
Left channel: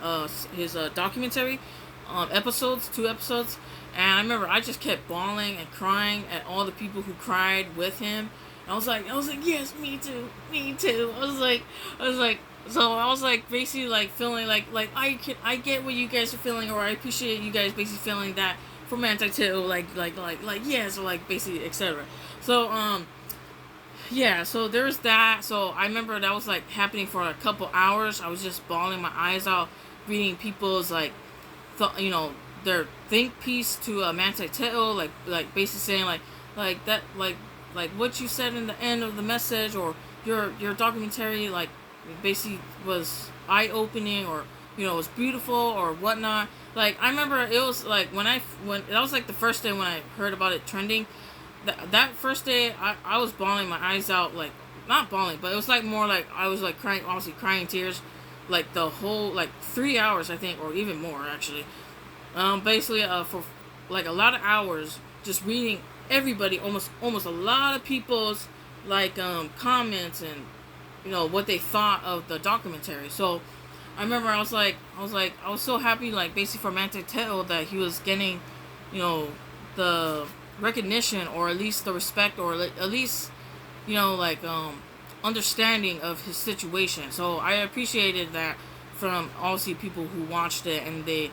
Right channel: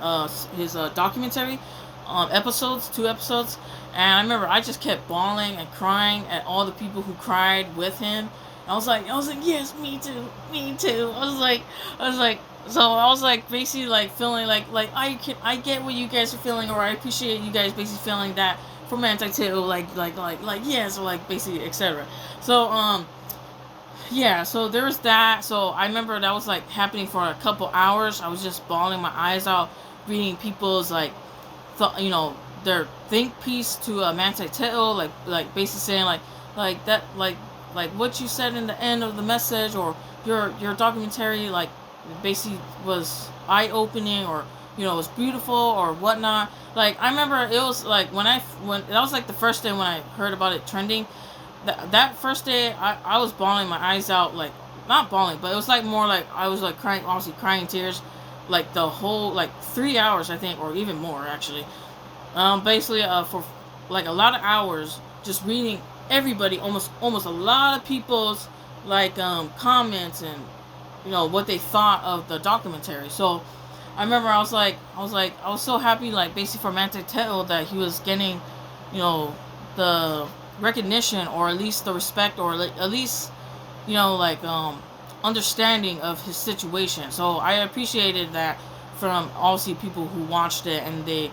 documentary episodes, 2 episodes. And I remember I just kept bawling and crying at all the people who cried with him. I was like, yes, me too, me too. So I was like basically like feeling like I get what you guys are feeling, or I appreciate you guys basically feeling that for Manti Te'o, like yes, or like basically etc. So yeah, so there was that. So I remember that was like happening for a couple hours. I was just bawling my eyes out, reading people's like, their think piece to Manti Te'o, like basically saying like that, like what you said in the end of the message, or your documentary, like basically was eye opening, or was beautiful or whatnot. Like I remember it was like when that was like the first day when I heard about it trending. That first day, I was bawling my eyes out, like not bawling, but it was like more like I was like crying, obviously crying tears, like the whole like 3 hours I think, or even more actually. Basically for like a lot of hours, just reading everybody, almost a lot of people's like comments, and what they thought of the documentary. So I remember I was so happy, like basically for Manti Te'o, that he was getting, the recognition, or at least the respect, or at least like understanding of his situation. So I appreciated that from obviously people who watched it, and they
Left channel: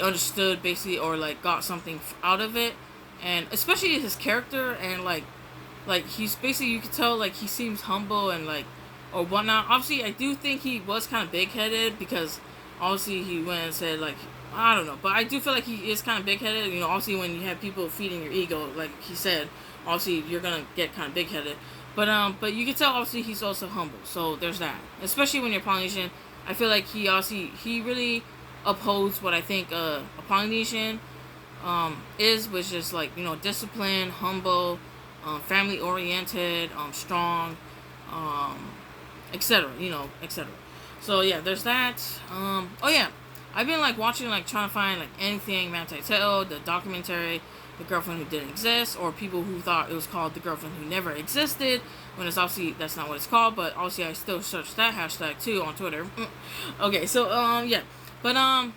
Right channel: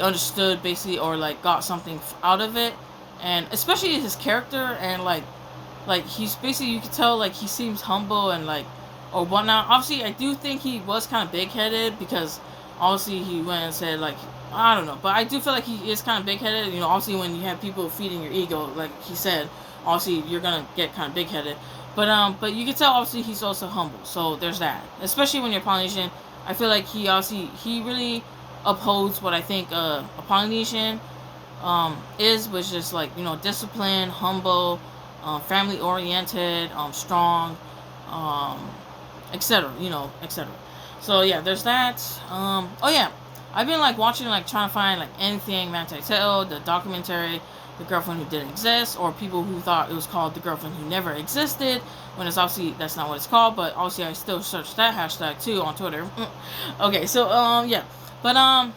understood basically, or like got something out of it, and especially his character, and like he's basically, you could tell like he seems humble and like or whatnot. Obviously I do think he was kind of big headed, because obviously he went and said like, I don't know, but I do feel like he is kind of big headed. Obviously when you have people feeding your ego, like he said, obviously you're gonna get kind of big headed. But you can tell obviously he's also humble. So there's that. Especially when you're Polynesian, I feel like he really upholds what I think a Polynesian is, which is like disciplined, humble, family oriented, strong, um, etc. Etc. So yeah, there's that. Oh yeah, I've been like watching, like trying to find like anything Manti Te'o, the documentary, The Girlfriend Who Didn't Exist, or people who thought it was called The Girlfriend Who Never Existed, when it's obviously that's not what it's called. But obviously I still search that hashtag too on Twitter. Okay, so yeah, but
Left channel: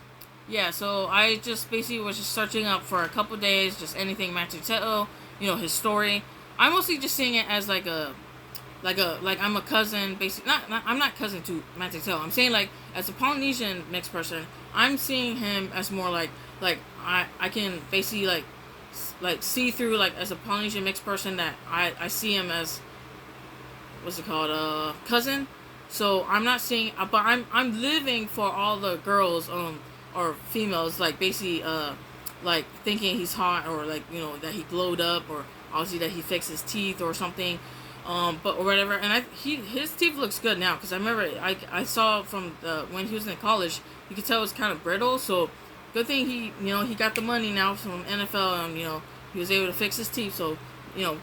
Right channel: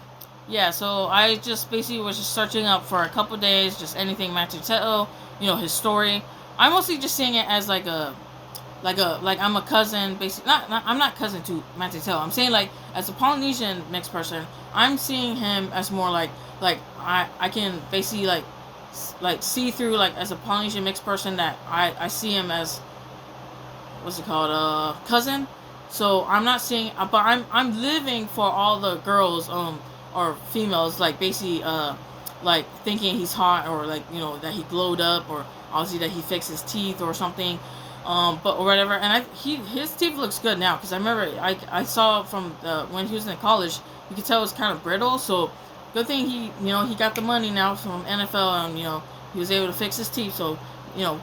yeah, so I just basically was just searching up for a couple days, just anything Manti Te'o, his story. I'm mostly just seeing it as like I'm a cousin, basically. Not I'm not cousin to Manti Te'o. I'm saying like as a Polynesian mixed person, I'm seeing him as more like I can basically like see through, like as a Polynesian mixed person, that I see him as, what's it called, cousin. So I'm not seeing, but I'm living for all the girls or females, like basically like thinking he's hot, or like that he glowed up, or obviously that he fixed his teeth or something, but or whatever. And his teeth looks good now, because I remember I saw from when he was in college, you could tell it was kind of brittle. So good thing he got the money now from NFL, and he was able to fix his teeth. So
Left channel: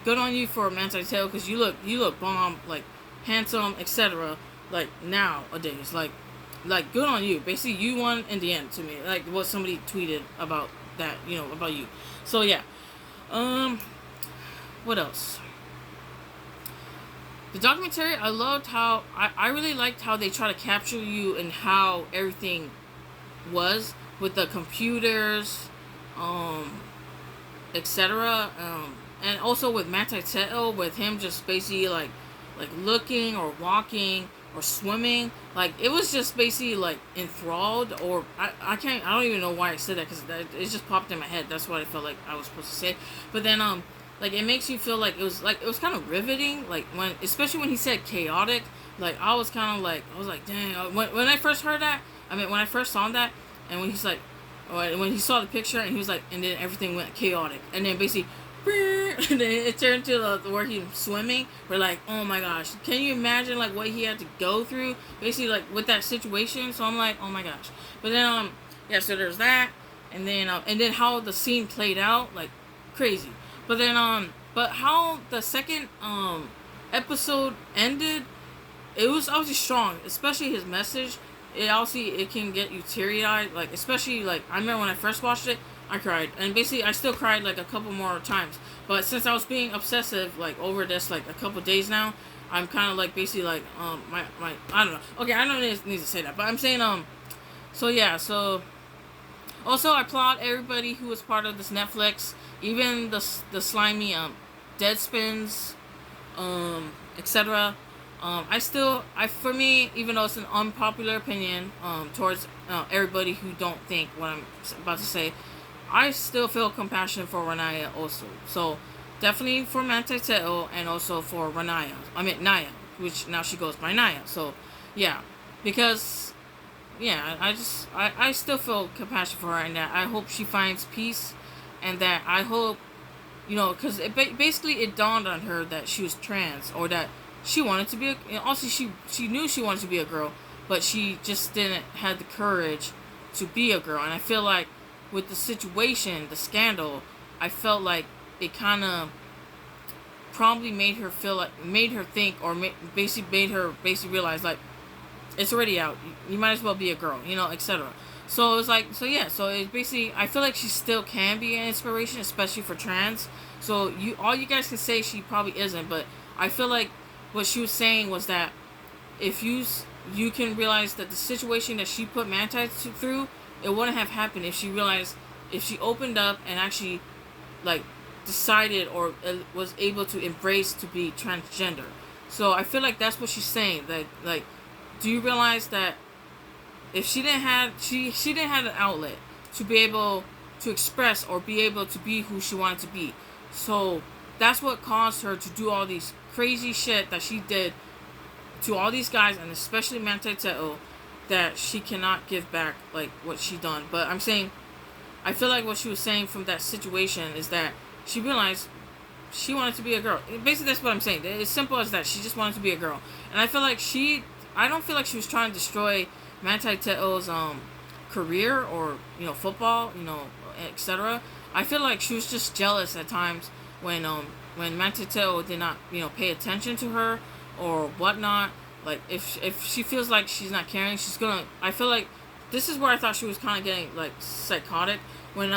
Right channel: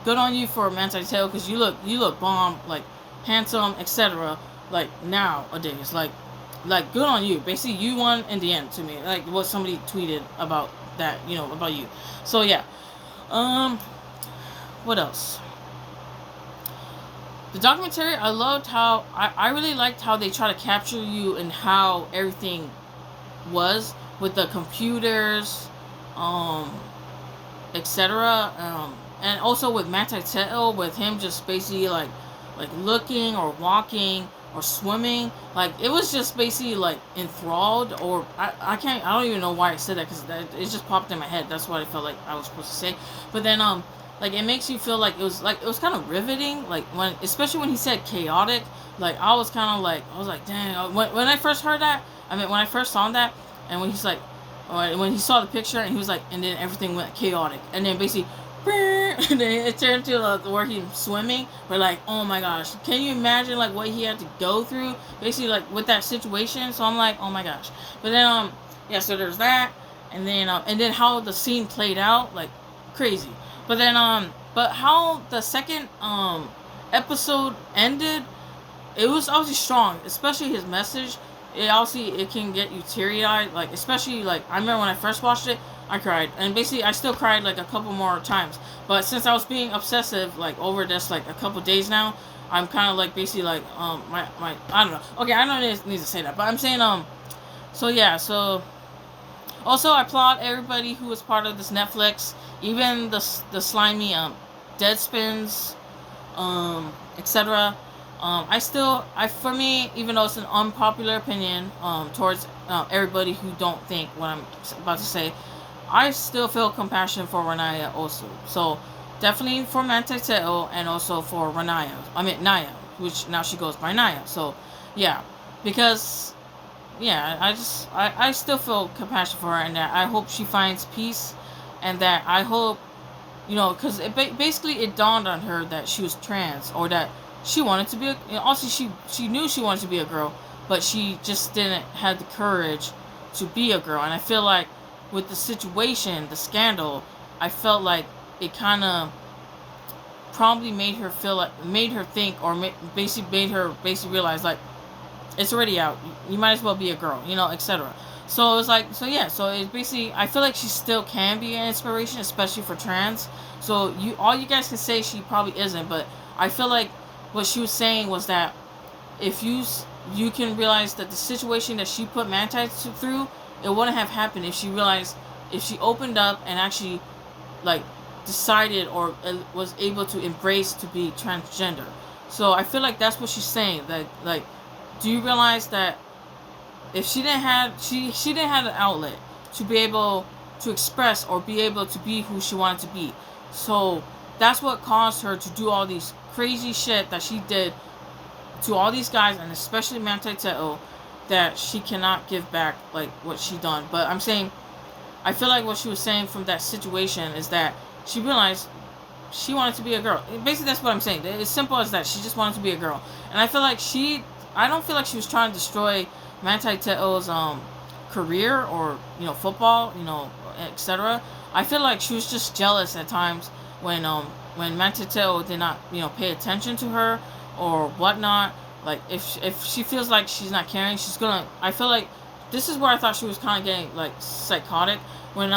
good on you for Manti Te'o, because you look bomb, like handsome, etc. Like nowadays, like good on you. Basically, you won in the end to me. Like what somebody tweeted about that, about you. So yeah, what else? The documentary, I loved how I really liked how they try to capture you and how everything was with the computers, um, etc. And also with Manti Te'o, with him just basically like looking or walking or swimming. Like it was just basically like enthralled, or I don't even know why I said that because it just popped in my head. That's what I felt like I was supposed to say. But then like it makes you feel like it was kind of riveting. Like when especially when he said chaotic. Like I was kind of like I was like dang. When I first heard that, I mean when I first saw that, and when he's like when he saw the picture and he was like, and then everything went chaotic, and then basically, and then it turned to where he's swimming. We're like, oh my gosh, can you imagine like what he had to go through, basically like with that situation? So I'm like, oh my gosh. But then yeah, so there's that, and then how the scene played out, like crazy. But then but how the second episode ended, it was obviously strong, especially his message. It obviously it can get you teary eyed, like especially like I remember when I first watched it, I cried, and basically I still cried like a couple more times. But since I was being obsessive like over this like a couple days now, I'm kind of like basically like my I don't know. Okay, I don't need to say that, but I'm saying so yeah, so also I applaud everybody who was part of this Netflix, even the slimy Deadspins, etc. For me, even though it's an unpopular opinion, towards everybody who don't think what I'm about to say, I still feel compassion for Renaya also. So, definitely for Manti Te'o and also for Renaya. I mean, Naya, which now she goes by Naya. So, yeah. Because, yeah, I still feel compassion for her, and that I hope she finds peace, and that I hope, because basically it dawned on her that she was trans, or that she wanted to be also she knew she wanted to be a girl, but she just didn't have the courage to be a girl. And I feel like with the situation, the scandal, I felt like it kind of probably made her think, or basically made her basically realize like it's already out. You might as well be a girl, etc. So it was like, so yeah, so it's basically, I feel like she still can be an inspiration, especially for trans. So all you guys can say she probably isn't, but I feel like what she was saying was that if you can realize that the situation that she put Manti through, it wouldn't have happened if she opened up and actually like decided or was able to embrace to be transgender. So I feel like that's what she's saying. Like, do you realize that if she didn't have an outlet to be able to express or be able to be who she wanted to be, so that's what caused her to do all these crazy shit that she did to all these guys, and especially Manti Te'o, that she cannot give back like what she done. But I'm saying, I feel like what she was saying from that situation is that she realized she wanted to be a girl. Basically, that's what I'm saying. It's simple as that. She just wanted to be a girl, and I feel like I don't feel like she was trying to destroy Manti Te'o's career or football, etc. I feel like she was just jealous at times when Manti Te'o did not pay attention to her or whatnot. Like if she feels like she's not caring, she's gonna. I feel like this is where I thought she was kind of getting like psychotic when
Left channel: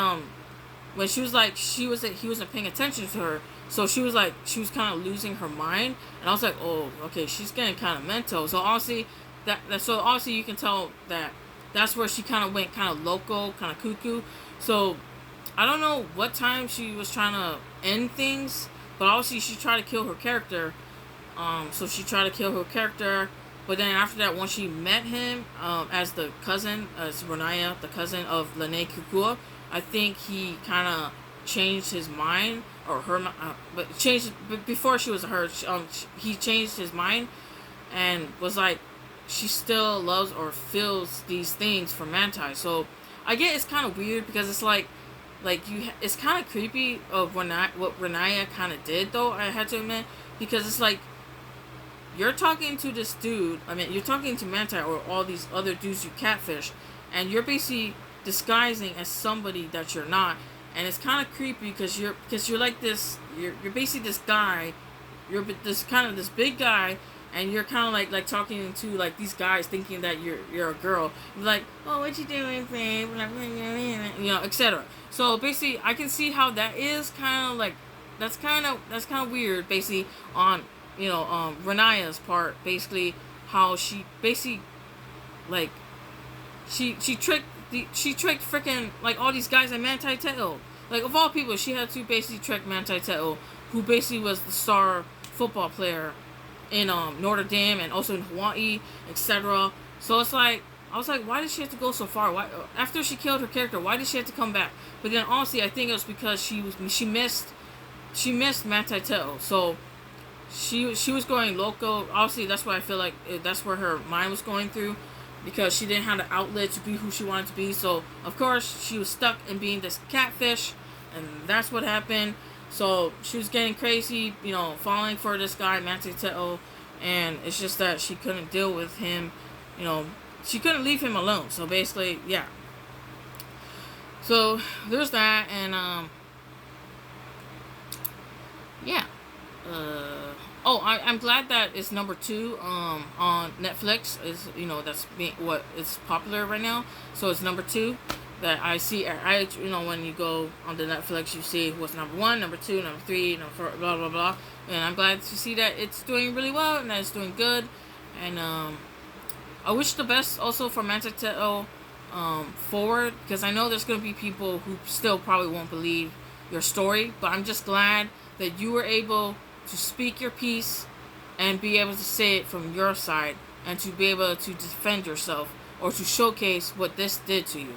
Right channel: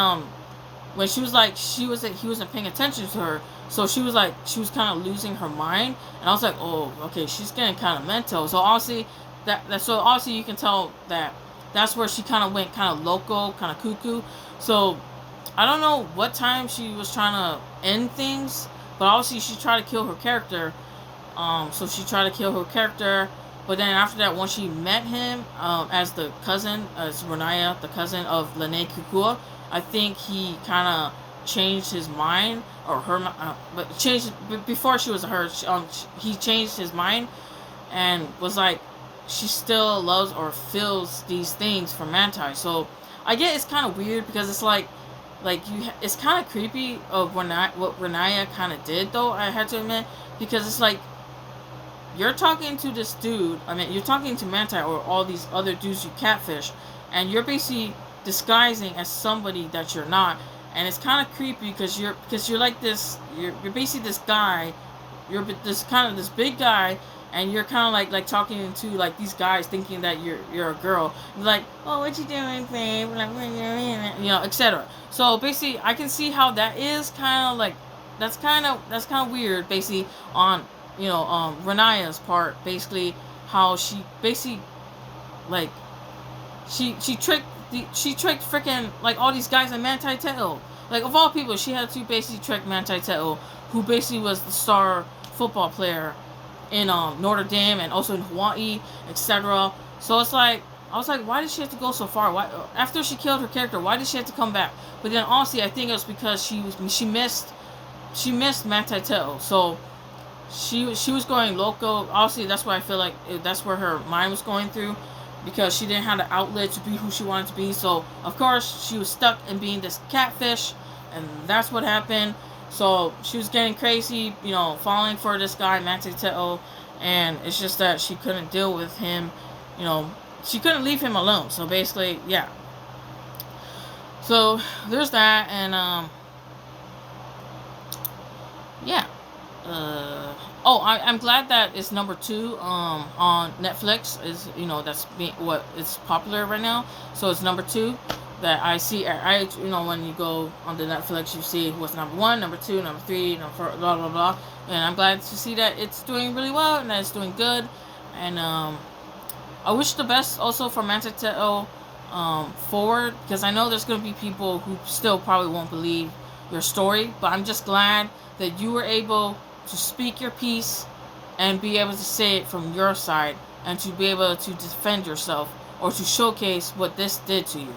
she was like he wasn't paying attention to her, so she was kind of losing her mind, and I was like, oh, okay, she's getting kind of mental. So obviously so obviously you can tell that that's where she kind of went kind of loco, kind of cuckoo. So I don't know what time she was trying to end things, but obviously she tried to kill her character. So she tried to kill her character, but then after that, once she met him as the cousin, as Renaya, the cousin of Lene Kukua, I think he kind of changed his mind, or her, but before she was her, he changed his mind and was like, she still loves or feels these things for Manti. So I get it's kind of weird because it's like it's kind of creepy of what Renaya kind of did, though, I had to admit, because it's like, you're talking to this dude, you're talking to Manti or all these other dudes you catfish, and you're basically disguising as somebody that you're not, and it's kind of creepy because you're like this, you're basically this guy, you're this big guy, and you're kind of like talking to like these guys thinking that you're a girl. You're like, oh, what you doing, babe? Like, etc. So basically, I can see how that is kind of like, that's kind of weird, basically on Renaya's part, basically how she basically like she tricked freaking like all these guys like Manti Te'o. Like, of all people, she had to basically trick Manti Te'o, who basically was the star football player in Notre Dame and also in Hawaii, etc. So it's like I was like, why did she have to go so far? Why after she killed her character, why did she have to come back? But then honestly, I think it was because she missed Manti Te'o. So she was going loco. Obviously, that's why I feel like that's where her mind was going through, because she didn't have the outlet to be who she wanted to be. So of course she was stuck in being this catfish, and that's what happened. So she was getting crazy, falling for this guy Manti Te'o, and it's just that she couldn't deal with him. She couldn't leave him alone. So basically, yeah. So there's that, and yeah. I'm glad that it's number 2 on Netflix. Is that's being what is popular right now. So it's number 2 that I see. When you go on the Netflix, you see what's number 1, number 2, number 3, number 4, blah blah blah. And I'm glad to see that it's doing really well and that it's doing good. And I wish the best also for Manti Te'o forward, because I know there's gonna be people who still probably won't believe your story. But I'm just glad that you were able to speak your piece and be able to say it from your side, and to be able to defend yourself or to showcase what this did to you.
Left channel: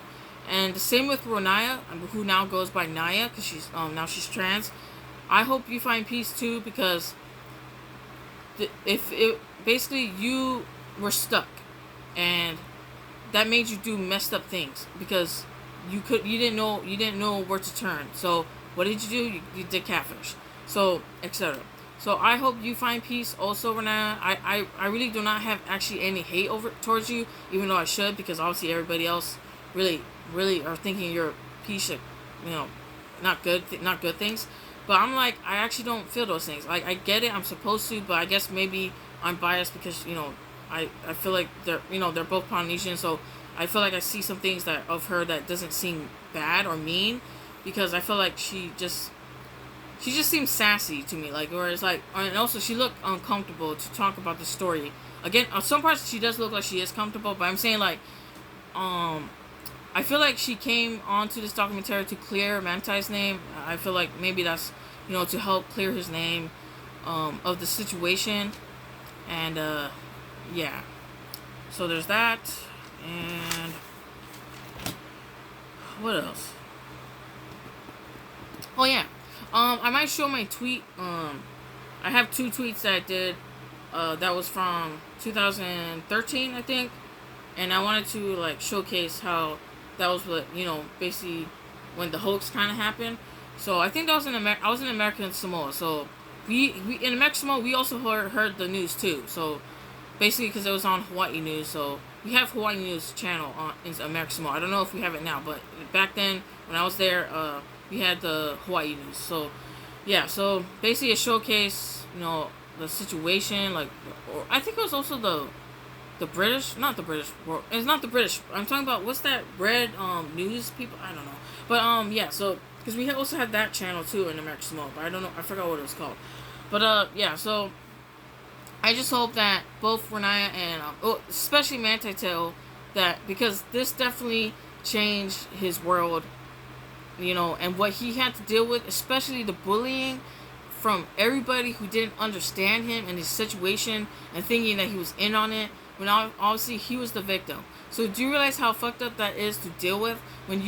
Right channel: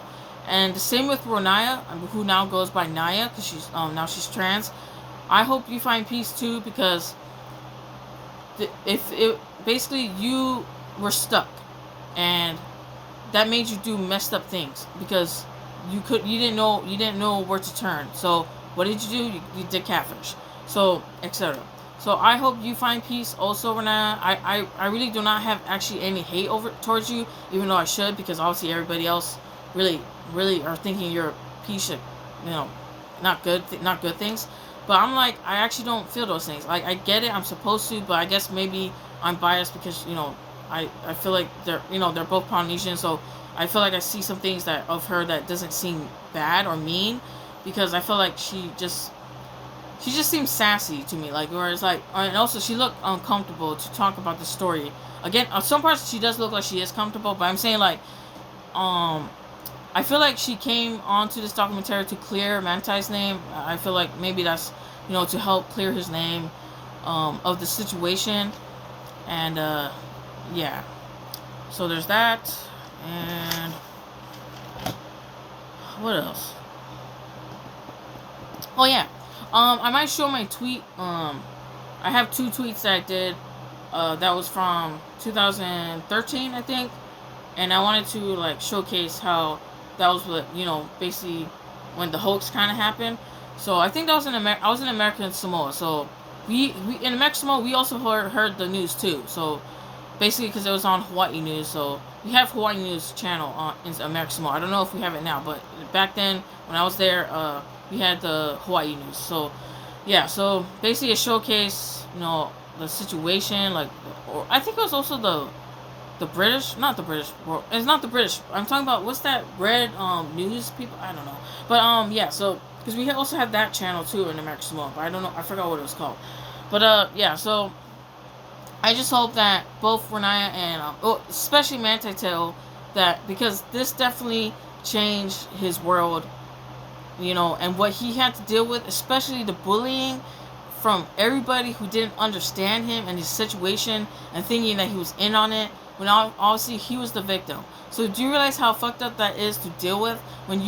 And the same with Ronaya, who now goes by Naya, because she's trans. I hope you find peace too, because if it basically you were stuck, and that made you do messed up things because you didn't know where to turn. So what did you do? You did catfish. So etc. So I hope you find peace also, Renata. I really do not have actually any hate towards you, even though I should, because obviously everybody else really are thinking you're a piece of, not good things. But I'm like, I actually don't feel those things. Like, I get it, I'm supposed to, but I guess maybe I'm biased because I feel like they're both Polynesian, so I feel like I see some things of her that doesn't seem bad or mean, because I feel like she just seems sassy to me, like, whereas like, and also she looked uncomfortable to talk about the story. Again, on some parts she does look like she is comfortable, but I'm saying like, I feel like she came onto this documentary to clear Manti's name. I feel like maybe that's to help clear his name of the situation, and yeah. So there's that, and what else? Oh yeah. I might show my tweet. I have 2 tweets that I did. That was from 2013, I think, and I wanted to like showcase how that was what basically when the hoax kind of happened. So I think that was I was in American Samoa. So we in American Samoa we also heard the news too. So basically because it was on Hawaii News. So we have Hawaii News channel on in American Samoa. I don't know if we have it now, but back then when I was there, we had the Hawaii News. So yeah, so basically it showcased the situation, like, or I think it was also the British, not the British world. It's not the British. I'm talking about what's that red news people? I don't know, but yeah. So because we also had that channel too in American Samoa, but I don't know. I forgot what it was called. But yeah. So I just hope that both Renaya and especially Manti Te'o, that because this definitely changed his world, and what he had to deal with, especially the bullying from everybody who didn't understand him and his situation and thinking that he was in on it, when obviously he was the victim. So do you realize how fucked up that is to deal with when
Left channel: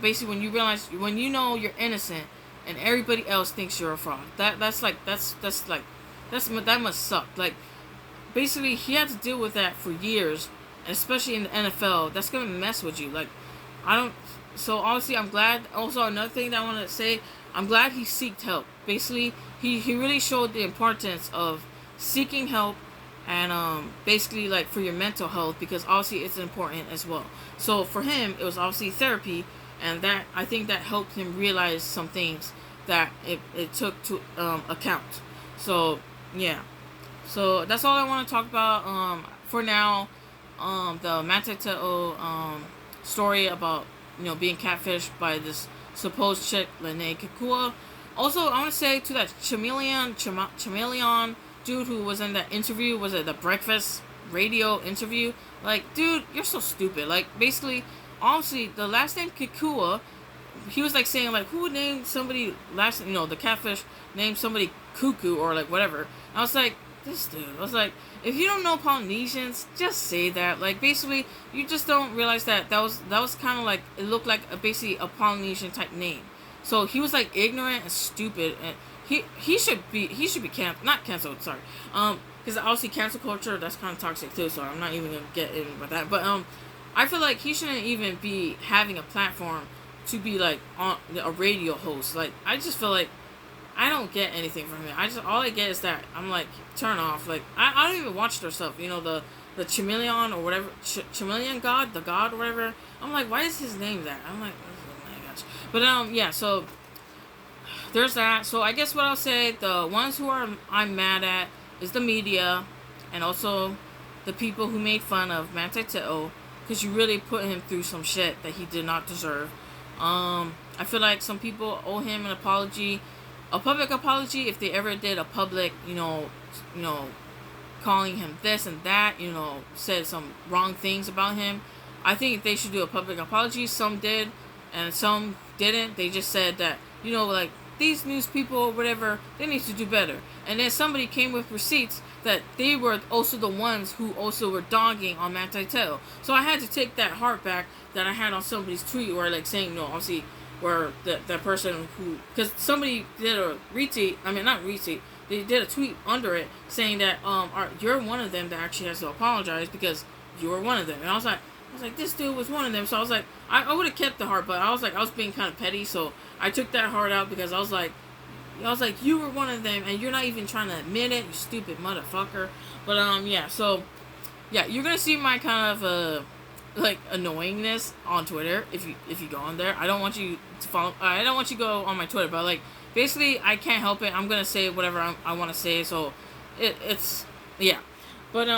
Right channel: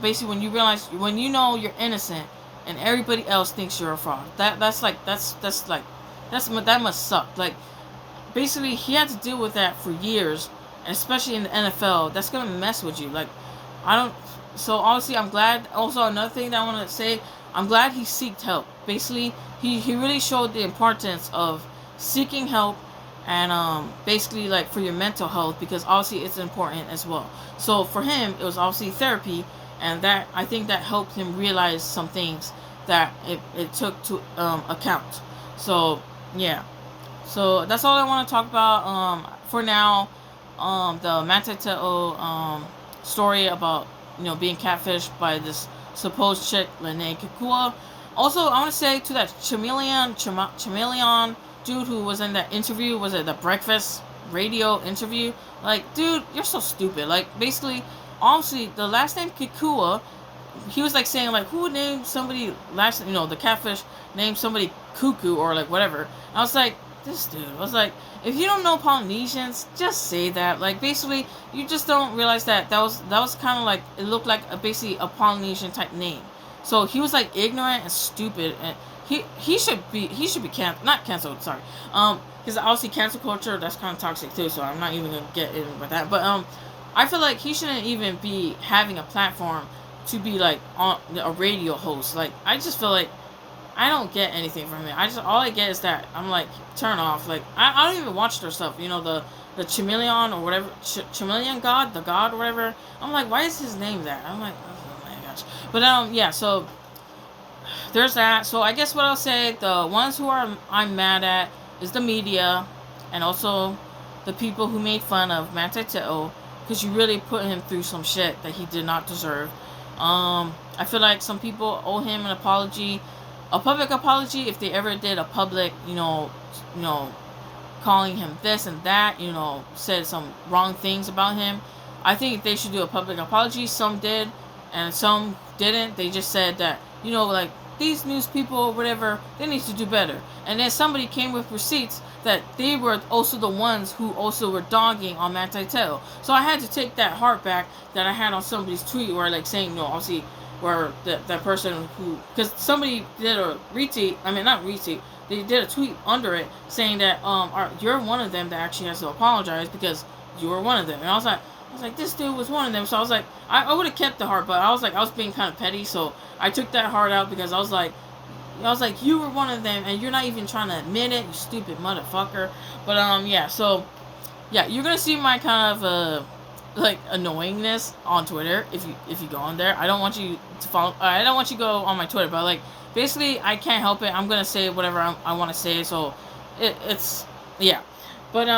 basically when you realize you're innocent and everybody else thinks you're a fraud? That must suck. Like, basically he had to deal with that for years, and especially in the NFL, that's gonna mess with you. Like, so obviously I'm glad. Also, another thing that I want to say, I'm glad he sought help. Basically, he really showed the importance of seeking help, and basically like for your mental health, because obviously it's important as well. So for him, it was obviously therapy, and that I think that helped him realize some things that it took to account. So yeah, so that's all I want to talk about for now. The Manti Te'o story about being catfished by this supposed chick Lene Kikua. Also, I want to say to that chameleon dude who was in that interview, was it the breakfast radio interview? Like, dude, you're so stupid. Like, basically, honestly, the last name Kikua, he was like saying like, who named somebody the catfish named somebody cuckoo or like whatever. I was like, this dude. I was like, if you don't know Polynesians, just say that. Like, basically, you just don't realize that was kind of like, it looked like basically a Polynesian type name. So he was like ignorant and stupid, and he should be not canceled. Sorry, because obviously cancel culture, that's kind of toxic too. So I'm not even gonna get in with that. But I feel like he shouldn't even be having a platform to be like on a radio host. Like, I just feel like I don't get anything from him. All I get is that I'm like, turn off. Like, I don't even watch their stuff. You know, the chameleon or whatever, chameleon god, the god or whatever. I'm like, why is his name that? I'm like, oh my gosh. But yeah. So there's that. So I guess what I'll say, the ones who I'm mad at is the media, and also the people who made fun of Manti Te'o, because you really put him through some shit that he did not deserve. I feel like some people owe him an apology, a public apology, if they ever did a public, calling him this and that, said some wrong things about him. I think they should do a public apology. Some did, and some didn't. They just said that, like, these news people or whatever, they need to do better. And then somebody came with receipts that they were also the ones who also were dogging on Manti Te'o. So I had to take that heart back that I had on somebody's tweet, where like saying, obviously, where that person who, because somebody did a retweet, I mean, not retweet, they did a tweet under it saying that you're one of them that actually has to apologize because you were one of them. And I was like, this dude was one of them. So I was like, I would have kept the heart, but I was being kind of petty, so I took that heart out, because I was like, you were one of them, and you're not even trying to admit it, you stupid motherfucker. But yeah, so yeah, you're gonna see my kind of like annoyingness on Twitter if you go on there. I don't want you to follow. I don't want you to go on my Twitter, but like, basically, I can't help it. I'm gonna say whatever I want to say. So it's yeah, but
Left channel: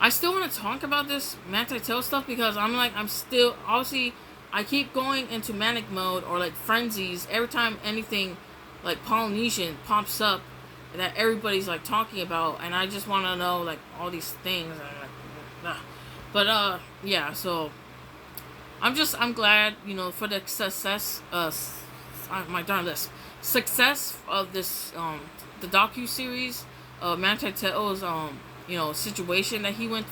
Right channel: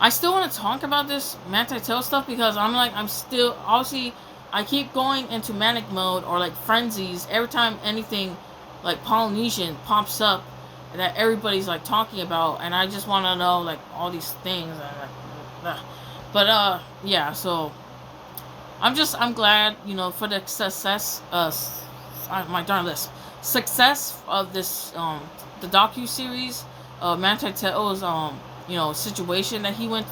I still want to talk about this Manti Te'o stuff, because I'm still, obviously, I keep going into manic mode or like frenzies every time anything like Polynesian pops up that everybody's like talking about, and I just want to know like all these things. But yeah, so I'm glad, for the success, my darn list, success of this the docuseries, Manti Te'o's situation that he went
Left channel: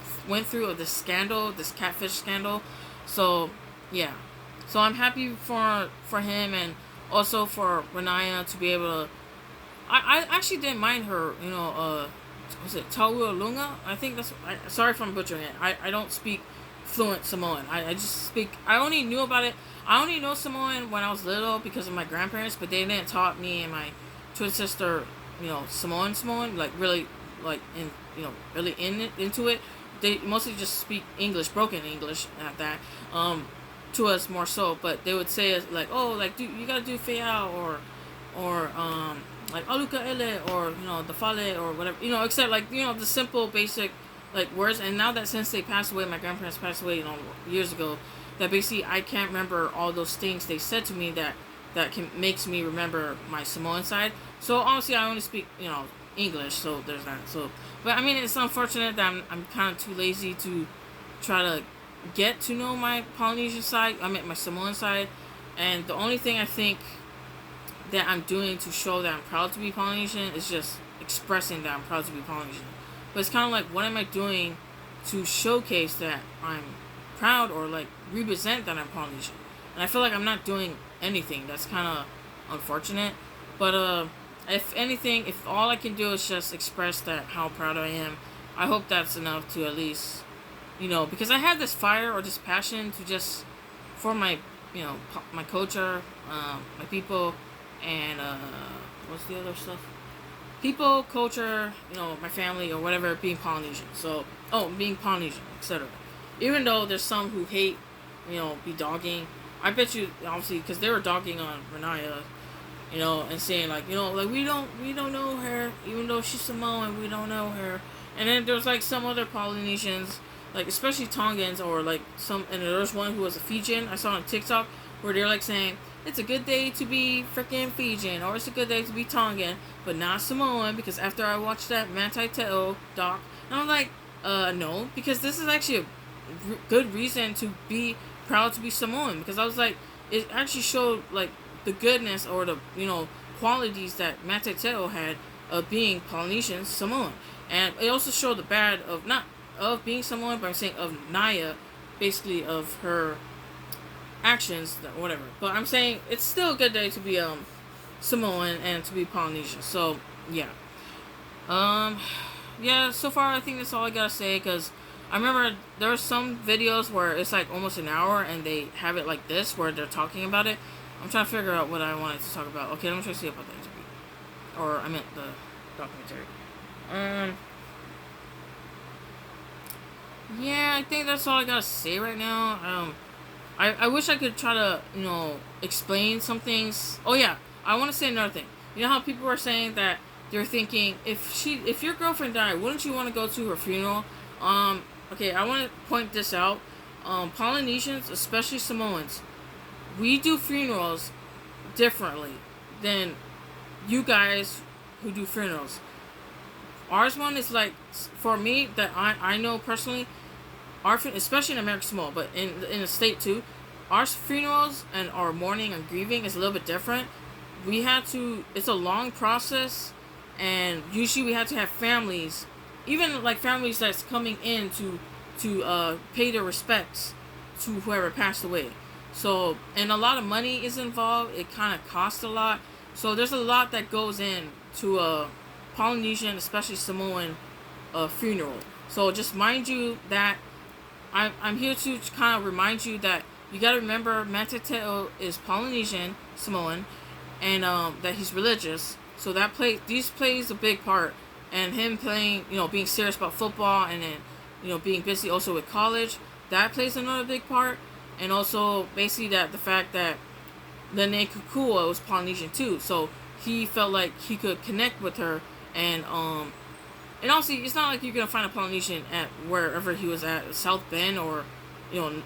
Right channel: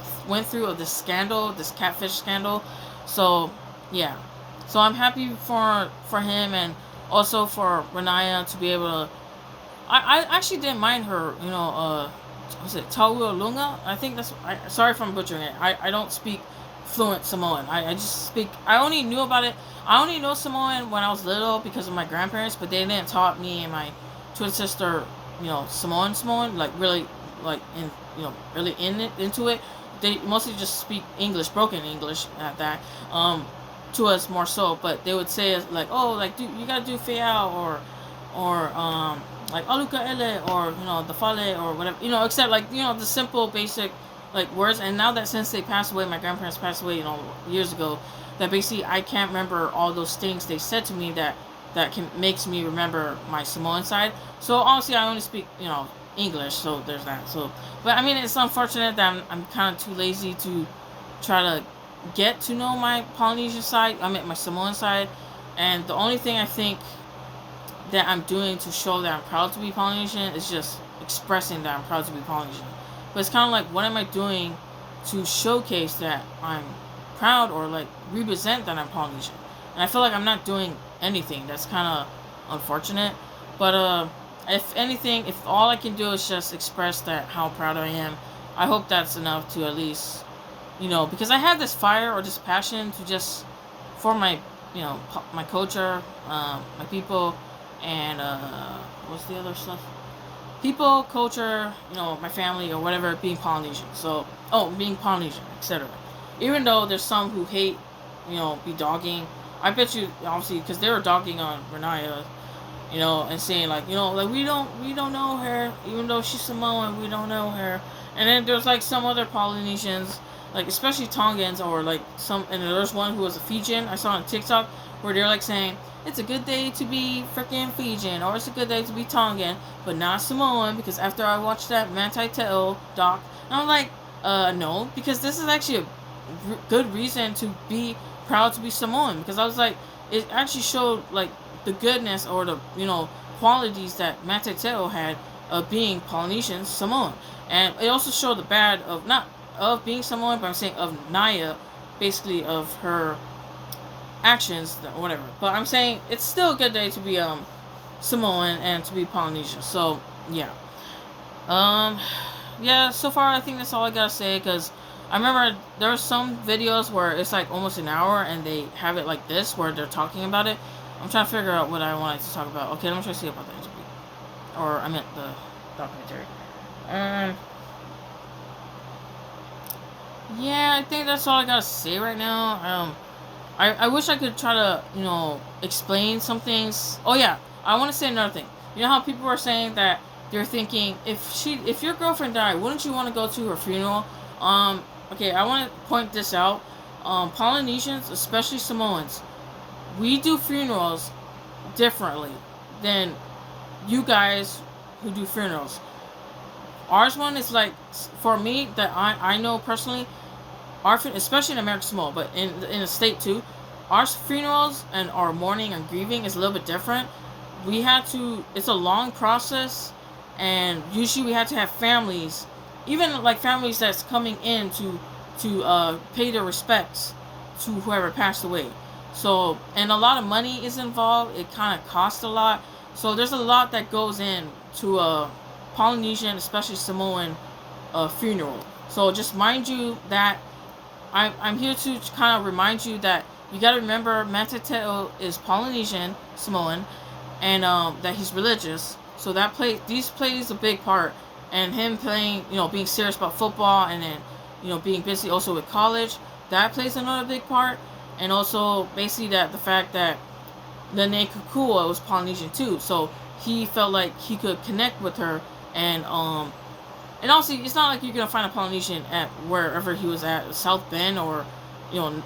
through, of this scandal, this catfish scandal. So yeah, so I'm happy for him, and also for Renaya to be able to. I actually didn't mind her, was it Taua Lunga? I think that's. Sorry if I'm butchering it. I don't speak fluent Samoan. I just speak. I only knew about it. I only know Samoan when I was little because of my grandparents, but they didn't taught me and my twin sister, Samoan, like really, like really into it. They mostly just speak English, broken English at that. To us more so, but they would say like, oh, like, you gotta do feao, or like aluka ele, or the fale, or whatever, except like, the simple basic like words. And now that since they passed away, my grandparents passed away, years ago, that basically I can't remember all those things they said to me that makes me remember my Samoan side. So obviously I only speak English, so there's that. So, but I mean, it's unfortunate that I'm kind of too lazy to try to get to know my Polynesian side. I mean, my Samoan side, and the only thing I think that I'm doing to show that I'm proud to be Polynesian is just expressing that I'm proud to be Polynesian. But it's kind of like, what am I doing to showcase that I'm proud, or like represent that I'm Polynesian? And I feel like I'm not doing anything. That's kind of unfortunate. But if anything, if all I can do is just express that how proud I am, I hope that's enough to at least, because I have this fire or this passion to just, for my, my culture, my people, and what's the other stuff? People, culture, my family or whatever, being Polynesian. So, being Polynesian, etc. Even though there's some who hate, be dogging. I bet you, obviously, because they were dogging on Renaya, and saying like, like we don't know her, even though she's Samoan, we don't know her. And then there's like some other Polynesians, like especially Tongans, or like and there's one who was a Fijian I saw on TikTok, where they're like saying, it's a good day to be freaking Fijian, or it's a good day to be Tongan, but not Samoan, because after I watched that Manti Te'o doc, and I'm like, no, because this is actually a good reason to be proud to be Samoan, because I was like, it actually showed like the goodness, or the qualities that Manti Te'o had, of being Polynesian Samoan, and it also showed the bad of not of being Samoan, but I'm saying of Naya, basically of her actions or whatever. But I'm saying it's still a good day to be Samoan and to be Polynesian. So yeah, um, yeah. So far, I think that's all I gotta say because I remember there's some videos where it's like almost an hour and they have it like this where they're talking about it. I'm trying to figure out what I wanted to talk about. Okay, let me try to see about the interview, or I meant the documentary. Um, yeah, I think that's all I gotta say right now. I wish I could try to, explain some things. Oh yeah, I want to say another thing. You know how people are saying that they're thinking if your girlfriend died, wouldn't you want to go to her funeral? Okay, I want to point this out. Polynesians, especially Samoans, we do funerals differently than you guys who do funerals. Ours one is like, for me, that I know personally, especially in American Samoa, but in the state too, our funerals and our mourning and grieving is a little bit different. We had to. It's a long process, and usually we had to have families, even like families that's coming in to pay their respects to whoever passed away. So, and a lot of money is involved. It kind of costs a lot. So there's a lot that goes in to a Polynesian, especially Samoan, funeral. So just mind you that I'm here to kind of remind you that you got to remember Manti Te'o is Polynesian Samoan, and that he's religious. So these plays a big part, and him playing, being serious about football, and then, being busy also with college, that plays another big part, and also basically that the fact that Nene Kukua was Polynesian too, so he felt like he could connect with her, and also, it's not like you're gonna find a Polynesian at wherever he was at, South Bend or,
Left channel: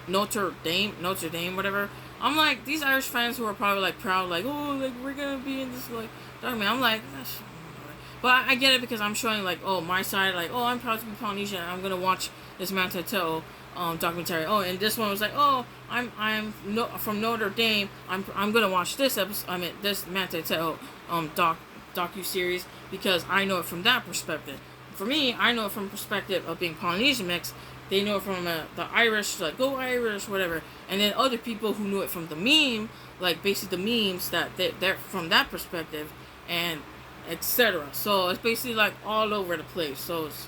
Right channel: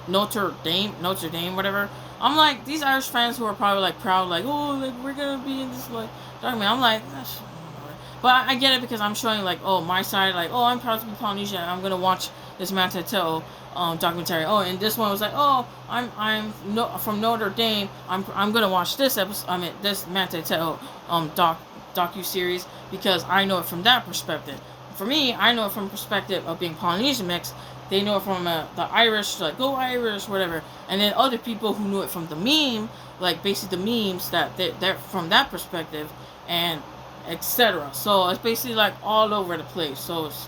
Notre Dame, whatever. I'm like, these Irish fans who are probably like proud, like, oh, like we're gonna be in this like document. I'm like, that's, but I get it because I'm showing like, oh, my side, like, oh, I'm proud to be Polynesian. I'm gonna watch this Manti Te'o documentary. Oh, and this one was like, oh, I'm from Notre Dame. I'm gonna watch this episode. I mean, this Manti Te'o docuseries because I know it from that perspective. For me, I know it from the perspective of being Polynesian mix. They know it from the Irish, like, go Irish, whatever. And then other people who knew it from the meme, like basically the memes that they're from that perspective, and etc. So it's basically like all over the place. So it's,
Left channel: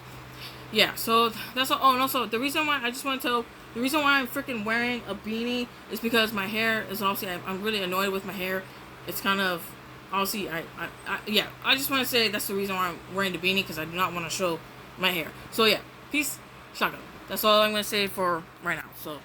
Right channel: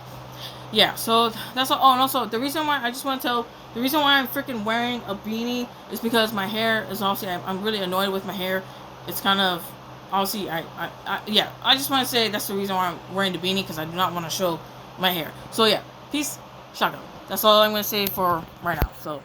yeah, so that's all. Oh, and also the reason why I just want to tell the reason why I'm freaking wearing a beanie is because my hair is obviously I'm really annoyed with my hair. It's kind of obviously yeah. I just want to say that's the reason why I'm wearing the beanie because I do not want to show my hair. So yeah, peace, shotgun. That's all I'm gonna say for right now. So.